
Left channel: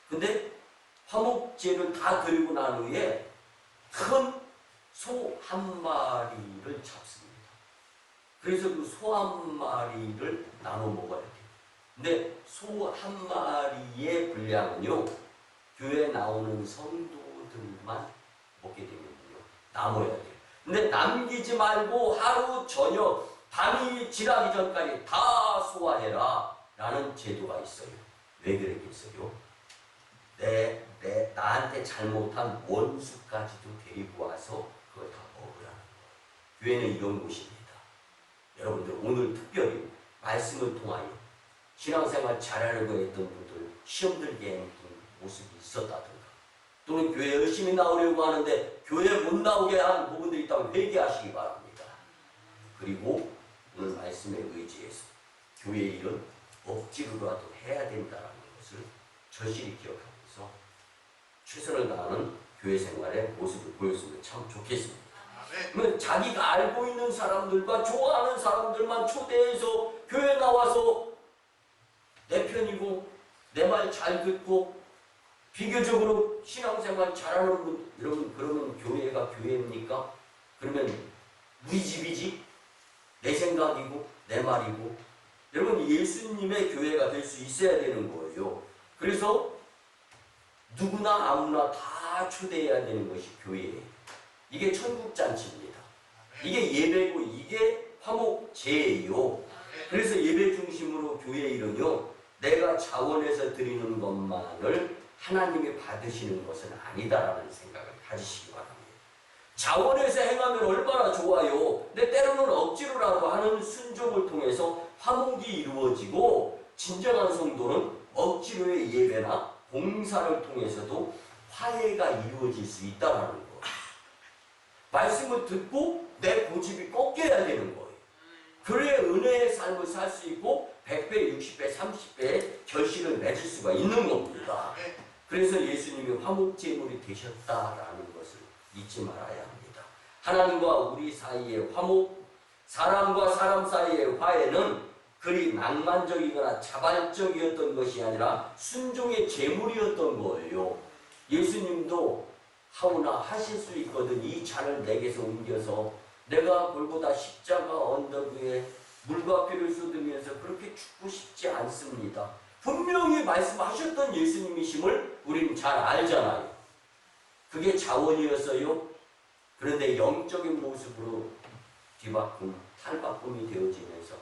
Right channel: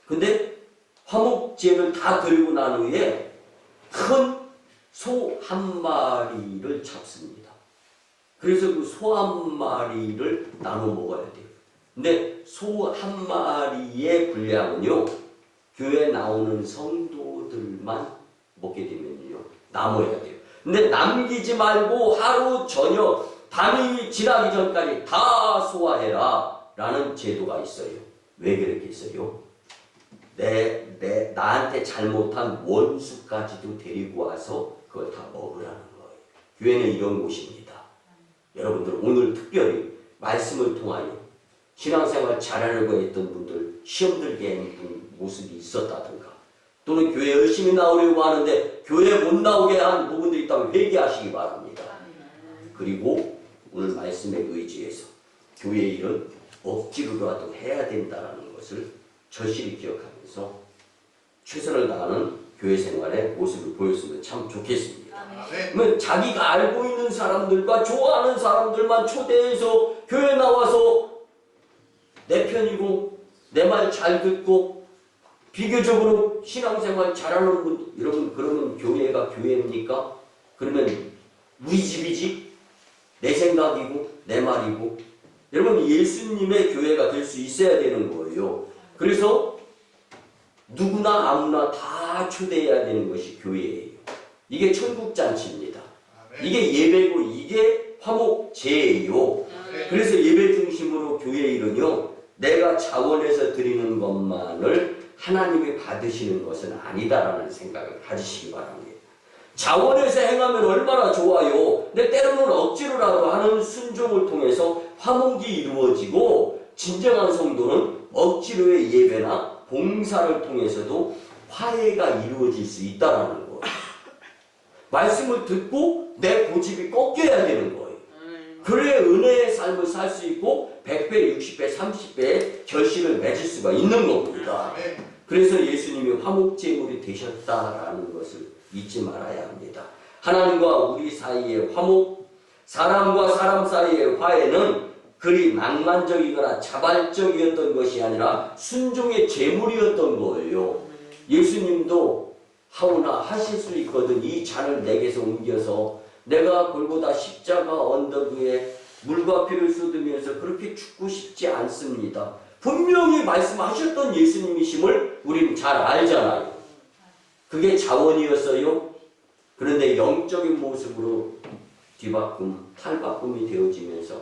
근데 화목제를 다 드리고 난 후에 큰 소 한 마리를 잡습니다. 그래서 그 소 한 마리를 나눠 먹어야 돼요. 근데 소 한 마리의 분량은요, 교회에 나오는 성도들만 먹게 되면요 남아야 돼요. 근데 남기지 말고 하루 저녁 밤이 지나기 전까지 다 소화해라 라는 제도가 있어요. 왜 그렇게 했어요? 나한테 잘못한 원수까지도 데리고 와서 그걸 다 먹으라는 거예요. 교회는 이런 곳입니다. 여러분들 오늘 특별히 말씀을 통하여 신앙생활 잘하려고 했던 분들, 시험 들게 했던 모습이 있었다든가, 또는 교회 열심히 나오려고 하는데 교회 못 나오게 한 부분들이 있다면 회개하시기 바랍니다. 그리고 오늘 말씀에 의지해서 교회 일은 억지로라도 해야 된다는 것을 절실히 기억하면서 최선을 다하는 교회 생활의 모습을 보였으면 참 좋겠습니다. 그러면 자기가 알고 있는 사람들과 좋아하는 사람들만 초대해서 교회 나와서 내 편이고 내 말 잘 듣고 비교적으로 신앙생활 잘하는 분, 여러분 그러면 교회가 교회입니까? 그러면 우리 집이지? 내 생각이고 내 말이고. 여러분 예수님의 교회가 될 수 있어야 되는 거예요. 그래서 누구나 아무나 다 초대해야 되는 것이 교회예요. 이게 천국잔치입니다. 이게 예배고 이게 화목제예요. 그래서 예배 중심으로 교회 일은요, 내가 자원해서 드리는 것만을 하나님이 받으시는 것은 아니다라는 생각을 가지시기 바랍니다. 자원해서 행하면 얼마나 좋아요. 근데 때로는 억지로라도 하는 순종을 통해서 화목이 이루어지고, 진정한 성도는 억지로의 예배나 봉사를 통해서도 화해가 이루어질 수 있다는 거예요. 말씀을 듣고 내 고집이 꺾여야 되는 거예요. 그래야 은혜의 삶을 살 수 있고 100배, 60배, 30배의 결실을 맺을 수가 있는 겁니다. 그래서 예수님이 화목제물이 되셨다라는 것을 잊지 말아야 합니다. 하나님과 우리 사이의 화목, 사람과 사람 사이의 화해는 그리 낭만적이거나 자발적이었던 것이 아니라 순종의 제물이었던 거예요. 예수님도 하오나 하실 수 있거든 이 잔을 내게서 옮겨서 내가 골고다 십자가 언덕 위에 물과 피를 쏟으면서 그렇게 죽고 싶지 않습니다. 분명히 말씀하셨던 예수님이심을 우리는 잘 알잖아요. 그게 자원이었어요. 그런데 영적인 모습으로 뒤바꿈, 탈바꿈이 되어지면서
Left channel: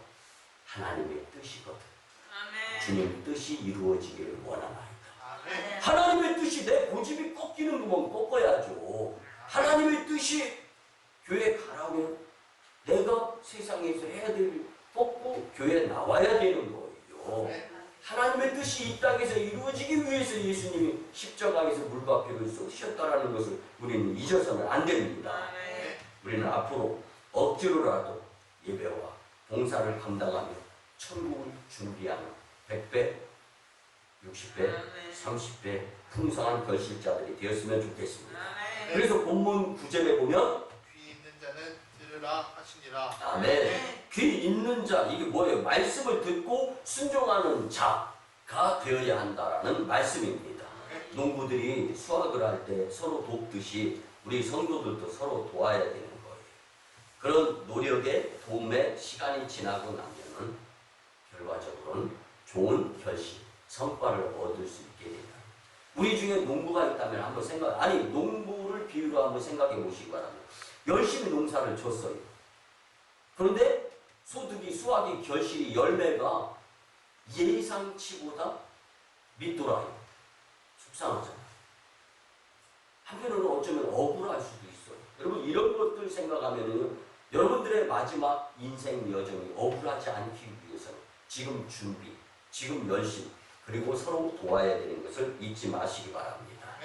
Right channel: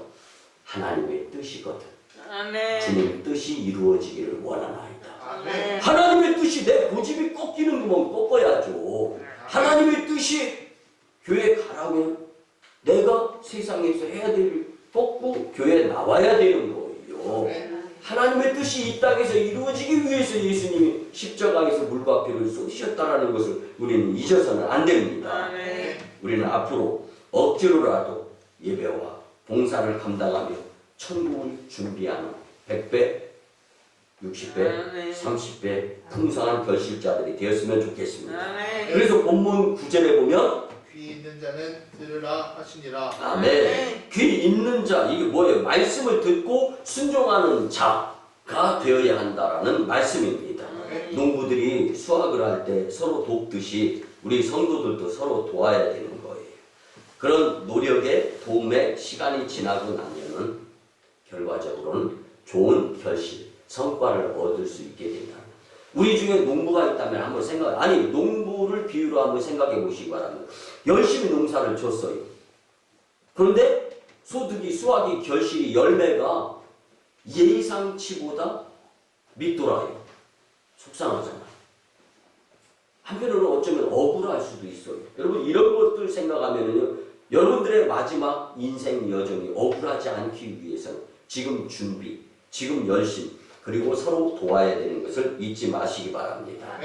하나님의 뜻이거든. 아멘. 주님 뜻이 이루어지기를 원하나이다. 아멘. 하나님의 뜻이 내 고집이 꺾이는 거면 꺾어야죠. 하나님의 뜻이 교회 가라면 내가 세상에서 해야 될 일 꺾고 교회에 나와야 되는 거예요. 하나님의 뜻이 이 땅에서 이루어지기 위해서 예수님이 십자가에서 물과 피를 쏟으셨다는 것을 우리는 잊어서는 안 됩니다. 아멘. 우리는 앞으로 억지로라도 예배와 봉사를 감당하며 천국을 준비하는 100배, 60배, 30배 풍성한 결실자들이 되었으면 좋겠습니다. 아멘. 그래서 본문 9절에 보면 귀 있는 자는 들으라 하시니라. 아멘. 귀 있는 자, 이게 뭐예요? 말씀을 듣고 순종하는 자가 되어야 한다라는 말씀입니다. 농부들이 수확을 할 때 서로 돕듯이 우리 성도들도 서로 도와야 되는 거예요. 그런 노력에 도움에 시간이 지나고 나면은 결과적으로는 좋은 결실, 성과를 얻을 수 있게 된다. 우리 중에 농부가 있다면 한번 농부를 비유로 한번 생각해 보시기 바랍니다. 열심히 농사를 줬어요. 그런데 소득이, 수확이, 결실이, 열매가 예상치보다 밑돌아요. 속상하잖아. 한편으로는 어쩌면 억울할 수도 있어요. 여러분 이런 것들 생각하면요, 여러분들의 마지막 인생 여정이 억울하지 않기 위해서는 지금 준비, 지금 열심, 그리고 서로 도와야 되는 것을 잊지 마시기 바랍니다.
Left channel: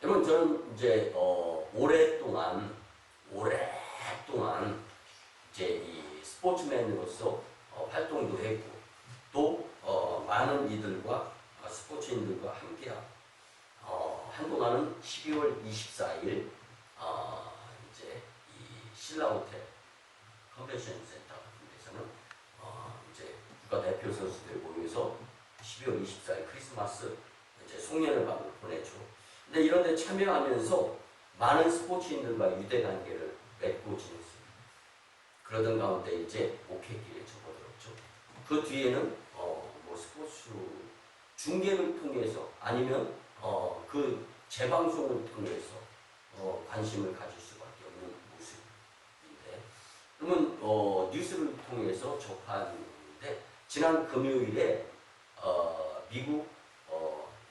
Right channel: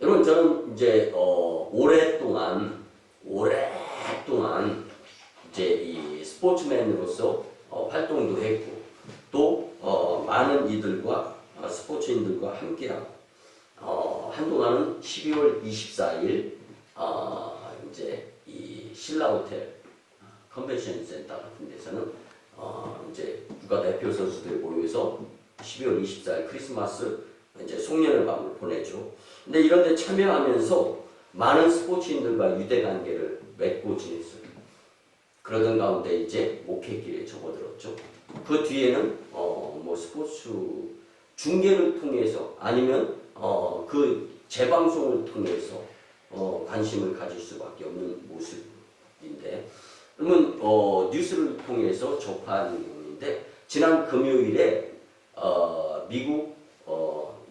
여러분 저는 이제 오랫동안 이제 이 스포츠맨으로서 활동도 했고 또 많은 이들과 스포츠인들과 함께하고 한동안은 12월 24일 이제 이 신라호텔 컨벤션 센터 같은 데서는 이제 국가대표 선수들이 모여서 12월 24일 크리스마스 이제 송년회 밤을 보내죠. 근데 이런 데 참여하면서 많은 스포츠인들과 유대관계를 맺고 지냈어요. 그러던 가운데 이제 목회길에 접어들었죠. 그 뒤에는 뭐 스포츠 중계를 통해서 아니면 그 재방송을 통해서 관심을 가질 수밖에 없는 모습인데, 그러면 뉴스를 통해서 접하는데 지난 금요일에 미국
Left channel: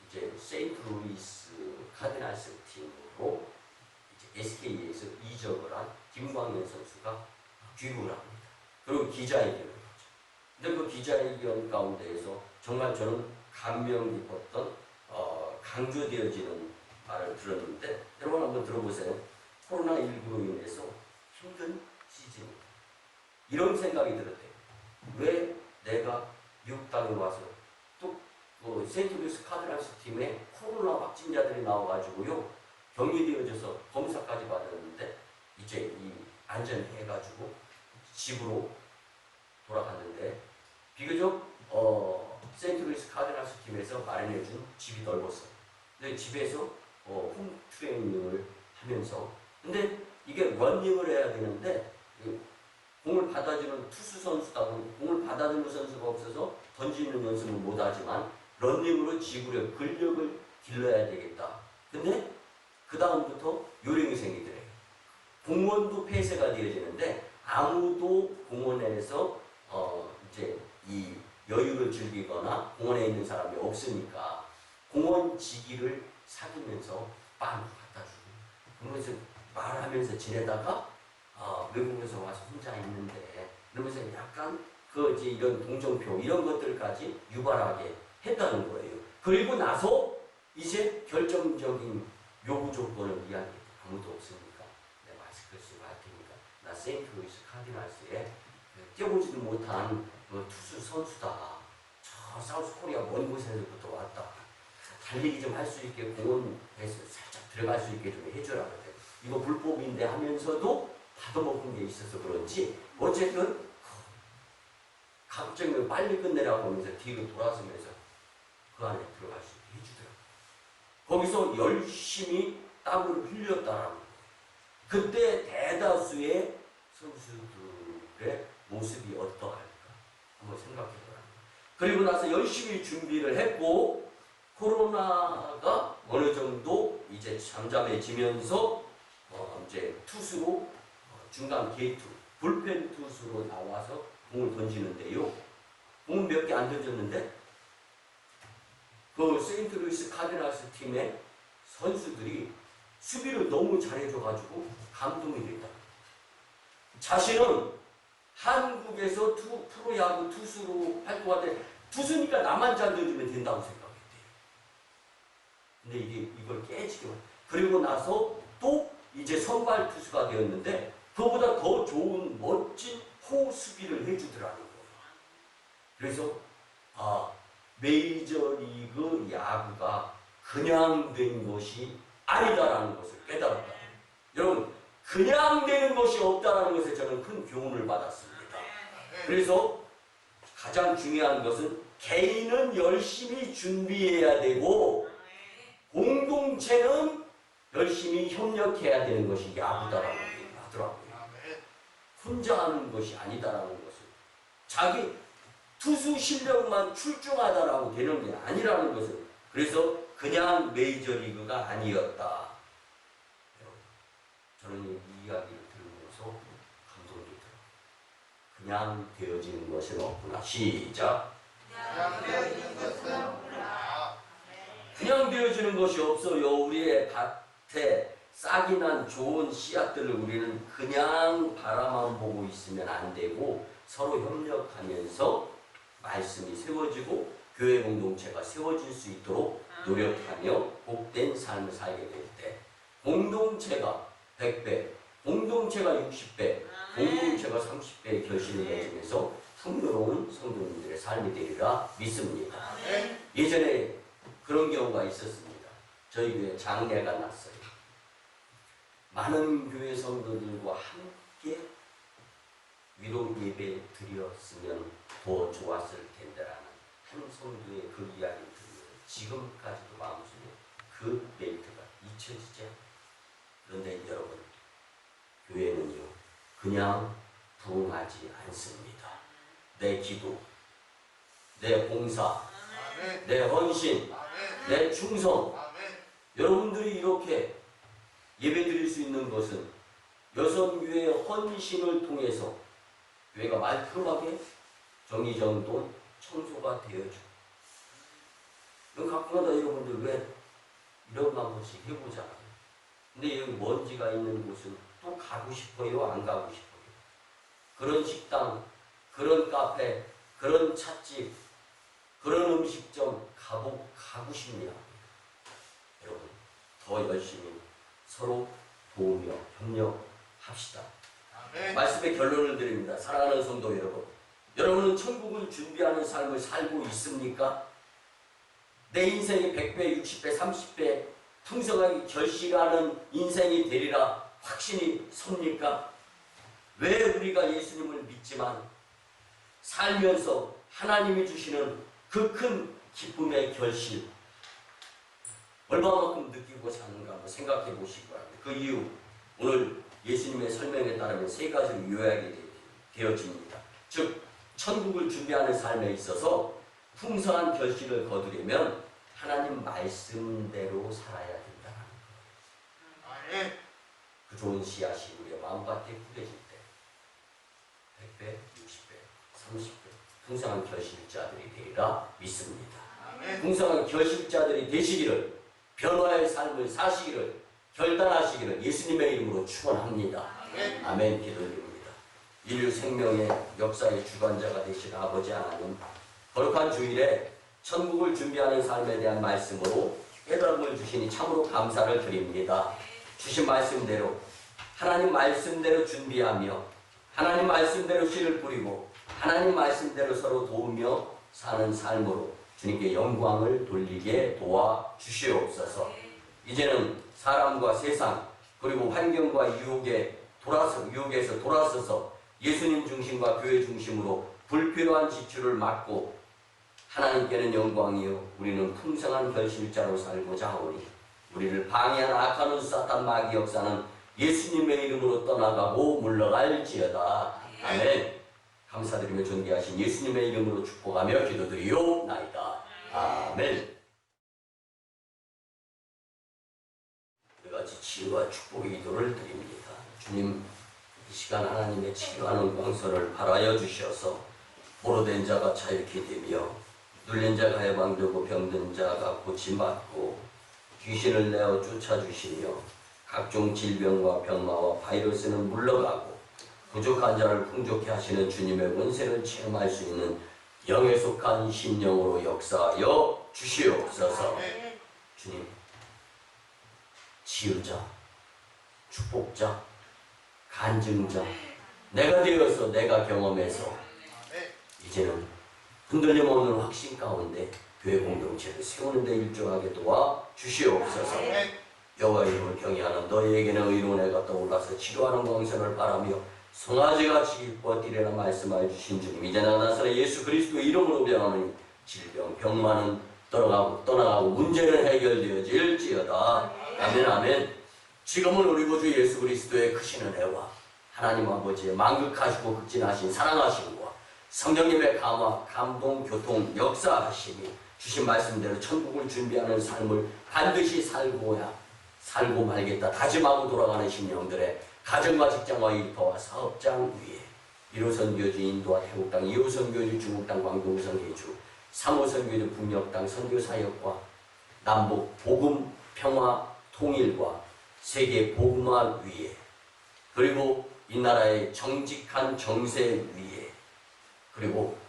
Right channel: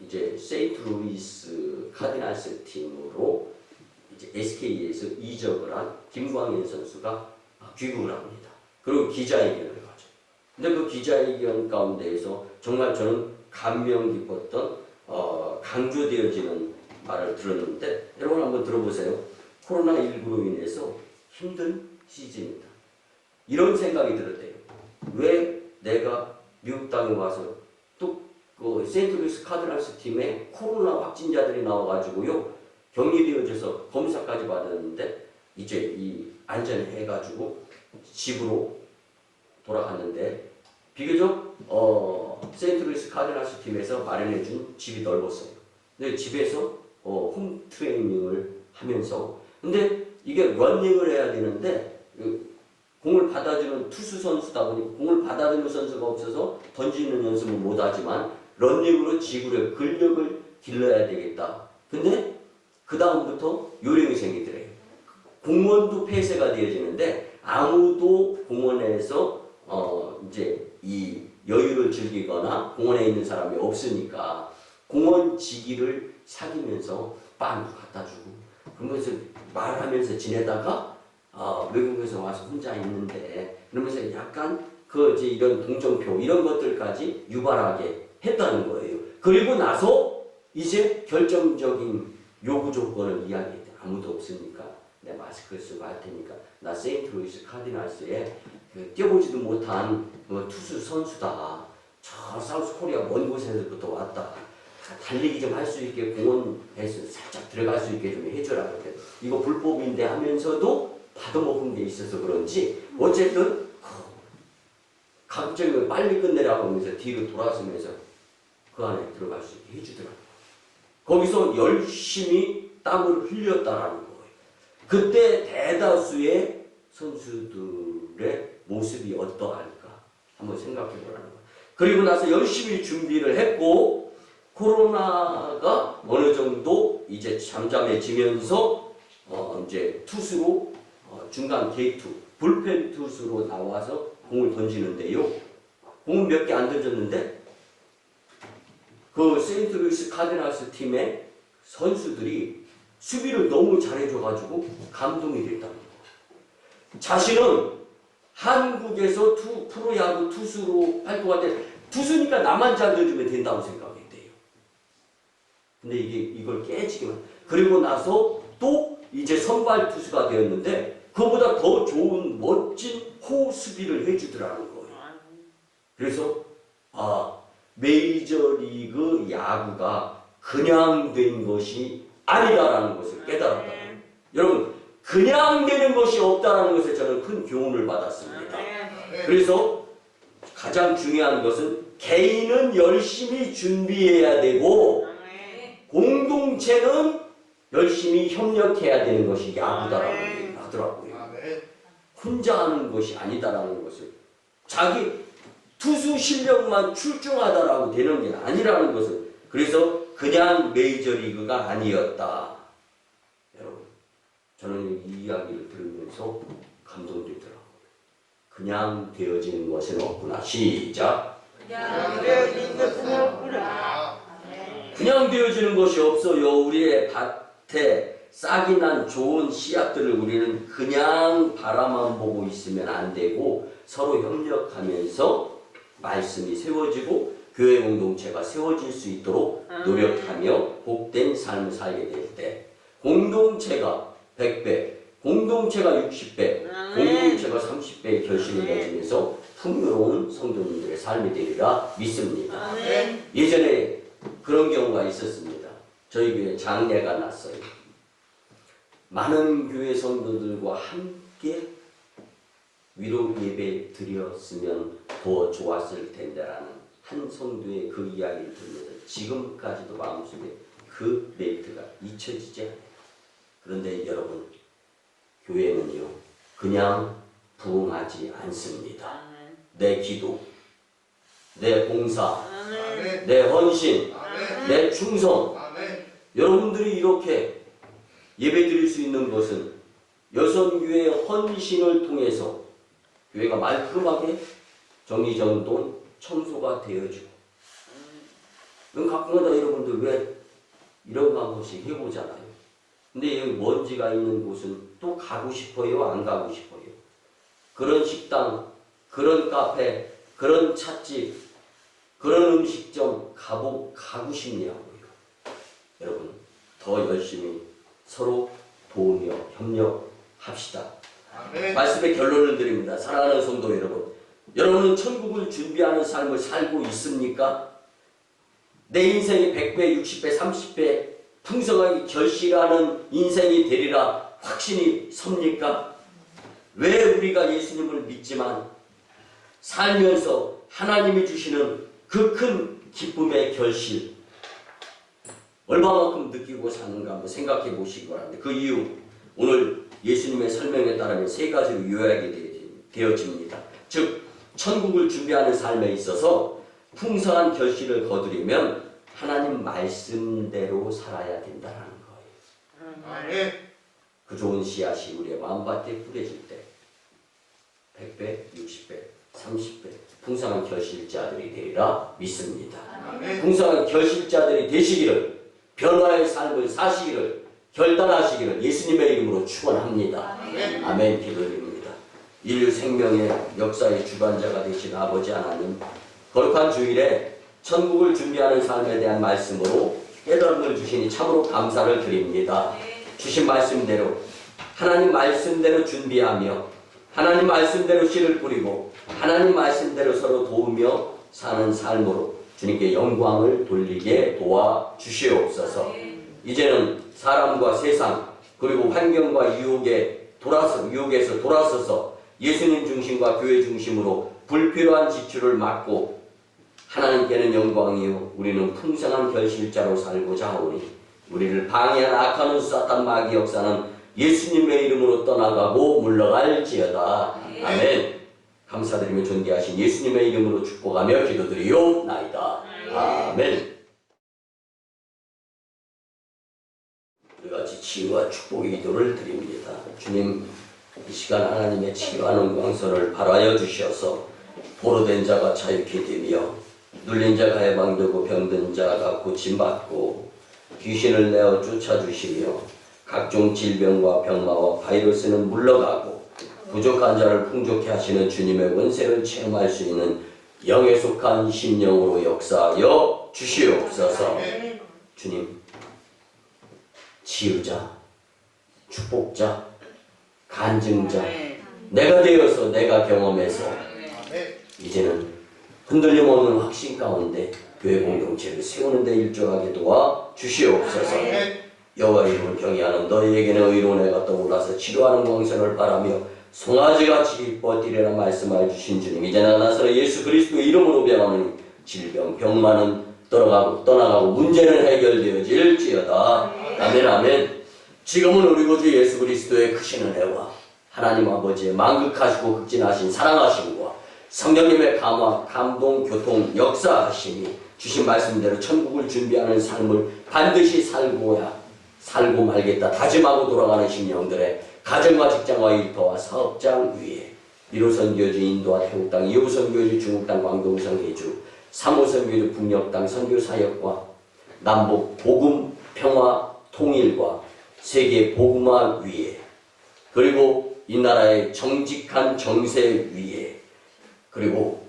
이제 세인트루이스 카디널스 팀으로 이제 SK에서 이적을 한 김광현 선수가 귀국을 합니다. 그리고 기자회견을 하죠. 근데 그 기자회견 가운데에서 정말 저는 감명 깊었던 강조되어지는 말을 들었는데, 여러분 한번 들어보세요. 코로나19로 인해서 힘든 시즌이다. 이런 생각이 들었대요. 왜 내가 미국 땅에 와서 또 그 세인트루이스 카디널스 팀에 코로나 확진자들이 나와가지고요, 격리되어져서 검사까지 받았는데 이제 이 안전해가지고 집으로 돌아갔는데, 비교적 세인트루이스 카디널스 팀에서 마련해준 집이 넓었어요. 근데 집에서 홈 트레이닝을 하면서, 근데 이게 러닝을 해야 되는데 공을 받아주는 투수 선수다 보니 공을 받아주는 선수가 없어서 던지는 연습은 못하지만 러닝으로 지구력, 근력을 길러야 되겠다. 근데 그 다음부터 요령이 생기더래요. 공원도 폐쇄가 되어지는데 아무도 공원에서 이제 이 여유를 즐기거나 공원에 있는 사람이 없으니까 공원 지기를 사귀면서 빵도 갖다 주고 그러면서 말하면서 지내다가 외국에서 와서 혼자 있는데 그러면서 약간 그 이제 이런 동정표 이런 것들까지 유발하게 했다는 거예요. 그리고 나서 이제 결정적인 요구 조건을 이야기해요. 아무도 없으니까 내 마스크를 쓰고 할 테니까 나 세인트루이스 카디널스에 뛰어보지도 못한 투수 선수다. 저 사우스 코리아 먼 곳에서부터 왔다. 달리기 좀 할 수 있게 공원에서 살짝 들어갈 수 있게 좀 해줘라. 그렇게. 이거 불법인데 하면서도 받아먹은 게 있어서 그런지 어쨌든 갑자기 빨리 끝내라고 하면서 뒤로 돌아서면서 그 안에 들어갈 수 있게 해주더라고요. 거기서 열심히 땀을 흘렸다라는 거예요. 그때 대다수의 선수들의 모습이 어떠할까 한번 생각해 보라는 거예요. 그리고 나서 열심히 준비를 했고 코로나가 어느 정도 이제 잠잠해지면서 이제 투수로 중간 게이트 불펜 투수로 나와서 공을 던지는데요. 공은 몇 개 안 던졌는데 그 세인트루이스 카디널스 팀의 선수들이 수비를 너무 잘해줘가지고 감동이 됐다는 거예요. 자신은 한국에서 프로야구 투수로 활동할 때 투수니까 나만 잘 던지면 된다고 생각했대요. 근데 이걸 깨지기만. 그리고 나서 또 이제 선발 투수가 되었는데 그보다 더 좋은 멋진 호수비를 해주더라는 거예요. 그래서 메이저리그 야구가 그냥 된 것이 아니다라는 것을 깨달았다. 여러분, 그냥 되는 것이 없다라는 것에 저는 큰 교훈을 받았습니다. 그래서 가장 중요한 것은 개인은 열심히 준비해야 되고 공동체는 열심히 협력해야 되는 것이 야구다라는 얘기를 하더라고요. 혼자 하는 것이 아니다라는 것을, 자기 투수 실력만 출중하다라고 되는 게 아니라는 것을, 그래서 그냥 메이저리그가 아니었다. 여러분, 저는 이 이야기를 들으면서 감동되더라고요. 그냥 되어지는 것은 없구나. 시작. 그냥 되어지는 것은 없구나. 그냥 되어지는 것이 없어요. 우리의 밭에 싹이 난 좋은 씨앗들을 우리는 그냥 바라만 보고 있으면 안 되고 서로 협력하면서 말씀이 세워지고 교회 공동체가 세워질 수 있도록 노력하며 복된 삶을 살게 될 때 공동체가 100배, 공동체가 60배, 공동체가 30배의 결실을 맺으면서 풍요로운 성도님들의 삶이 되리라 믿습니다. 예전에 그런 경우가 있었습니다. 저희 교회 장례가 났어요. 많은 교회 성도들과 함께 위로 예배 드렸으면 더 좋았을 텐데라는 한 성도의 그 이야기를 들으면서 지금까지도 마음속에 그 멘트가 잊혀지지 않아요. 그런데 여러분, 교회는요 그냥 부흥하지 않습니다. 내 기도, 내 봉사, 내 헌신, 내 충성, 여러분들이 이렇게 예배드릴 수 있는 것은 여성교회의 헌신을 통해서 교회가 말끔하게 정리정돈 청소가 되어지고, 가끔가다 여러분들 왜 이런 거 한 번씩 해보잖아요. 근데 여기 먼지가 있는 곳은 또 가고 싶어요? 안 가고 싶어요? 그런 식당, 그런 카페, 그런 찻집, 그런 음식점 가고 싶냐고요. 여러분, 더 열심히 서로 도우며 협력합시다. 말씀의 결론을 드립니다. 사랑하는 성도 여러분, 여러분은 천국을 준비하는 삶을 살고 있습니까? 내 인생이 100배, 60배, 30배 풍성하게 결실하는 인생이 되리라 확신이 섭니까? 왜 우리가 예수님을 믿지만 살면서 하나님이 주시는 그 큰 기쁨의 결실 얼마만큼 느끼고 사는가 한번 생각해 보시기 바랍니다. 그 이유, 오늘 예수님의 설명에 따르면 세 가지로 요약이 되어집니다. 즉, 천국을 준비하는 삶에 있어서 풍성한 결실을 거두려면 하나님 말씀대로 살아야 된다는 거예요. 그 좋은 씨앗이 우리의 마음밭에 뿌려질 때 100배, 60배, 30배 풍성한 결실자들이 되리라 믿습니다. 풍성한 결실자들이 되시기를, 변화의 삶을 사시기를, 결단하시기를 예수님의 이름으로 축원합니다. 아멘. 기도드립니다. 인류 생명의 역사의 주관자가 되신 아버지 하나님, 거룩한 주일에 천국을 준비하는 삶에 대한 말씀으로 깨달음을 주시니 참으로 감사를 드립니다. 주신 말씀대로, 하나님 말씀대로 준비하며 하나님 말씀대로 씨를 뿌리고 하나님 말씀대로 서로 도우며 사는 삶으로 주님께 영광을 돌리게 도와주시옵소서. 이제는 사람과 세상 그리고 환경과 유혹에서 돌아서서 예수님 중심과 교회 중심으로 불필요한 지출을 막고 하나님께는 영광이요 우리는 풍성한 결실자로 살고자 하오니 우리를 방해한 악한 사탄 마귀 역사는 예수님의 이름으로 떠나가고 물러갈지어다. 아멘. 감사드리며 존귀하신 예수님의 이름으로 축복하며 기도드리옵나이다. 아멘. 시인과 축복의 기도를 드립니다. 주님, 이 시간 하나님의 치료하는 광선을 발하여 주셔서 보로된 자가 자유케 되며 눌린 자가 해방되고 병든 자가 고침받고 귀신을 내어 쫓아주시며 각종 질병과 병마와 바이러스는 물러가고 부족한 자를 풍족케 하시는 주님의 원세를 체험할 수 있는 영에 속한 심령으로 역사하여 주시옵소서. 주님, 치유자, 축복자, 간증자, 내가 되어서 내가 경험해서 이제는 흔들림 없는 확신 가운데 교회 공동체를 세우는 데 일조하게 도와 주시옵소서. 여호와의 이름을 경외하는 너희에게는 의로운 해가 떠올라서 치료하는 광선을 바라며 송아지같이 기뻐 뛰리라 말씀하여 주신 주님, 이제 나사렛 예수 그리스도의 이름으로 병하는 질병, 병만은 떠나가고 문제는 해결되어질지어다. 아멘, 아멘. 지금은 우리 구주 예수 그리스도의 크신 은혜와 하나님 아버지의 만극하시고 극진하신 사랑하심과 성령님의 감화, 감동, 교통, 역사하심이 주신 말씀대로 천국을 준비하는 삶을 반드시 살고 말겠다 다짐하고 돌아가는 심령들의 가정과 직장과 일터와 사업장 위에 1호 선교주 인도와 태국 땅, 2호 선교주 중국 땅, 광동성 해주, 3호 선교주 북녘 땅 선교 사역과 남북 복음, 평화, 통일과 세계 복음화 위에, 그리고 이 나라의 정직한 정세 위에, 그리고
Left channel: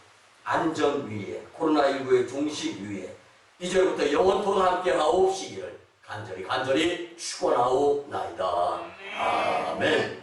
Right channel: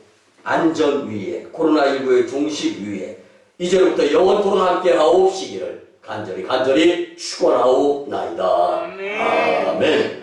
안전 위에, 코로나19의 종식 위에 이제부터 영원토록 함께 하옵시기를 간절히 축원하오나이다. 아멘.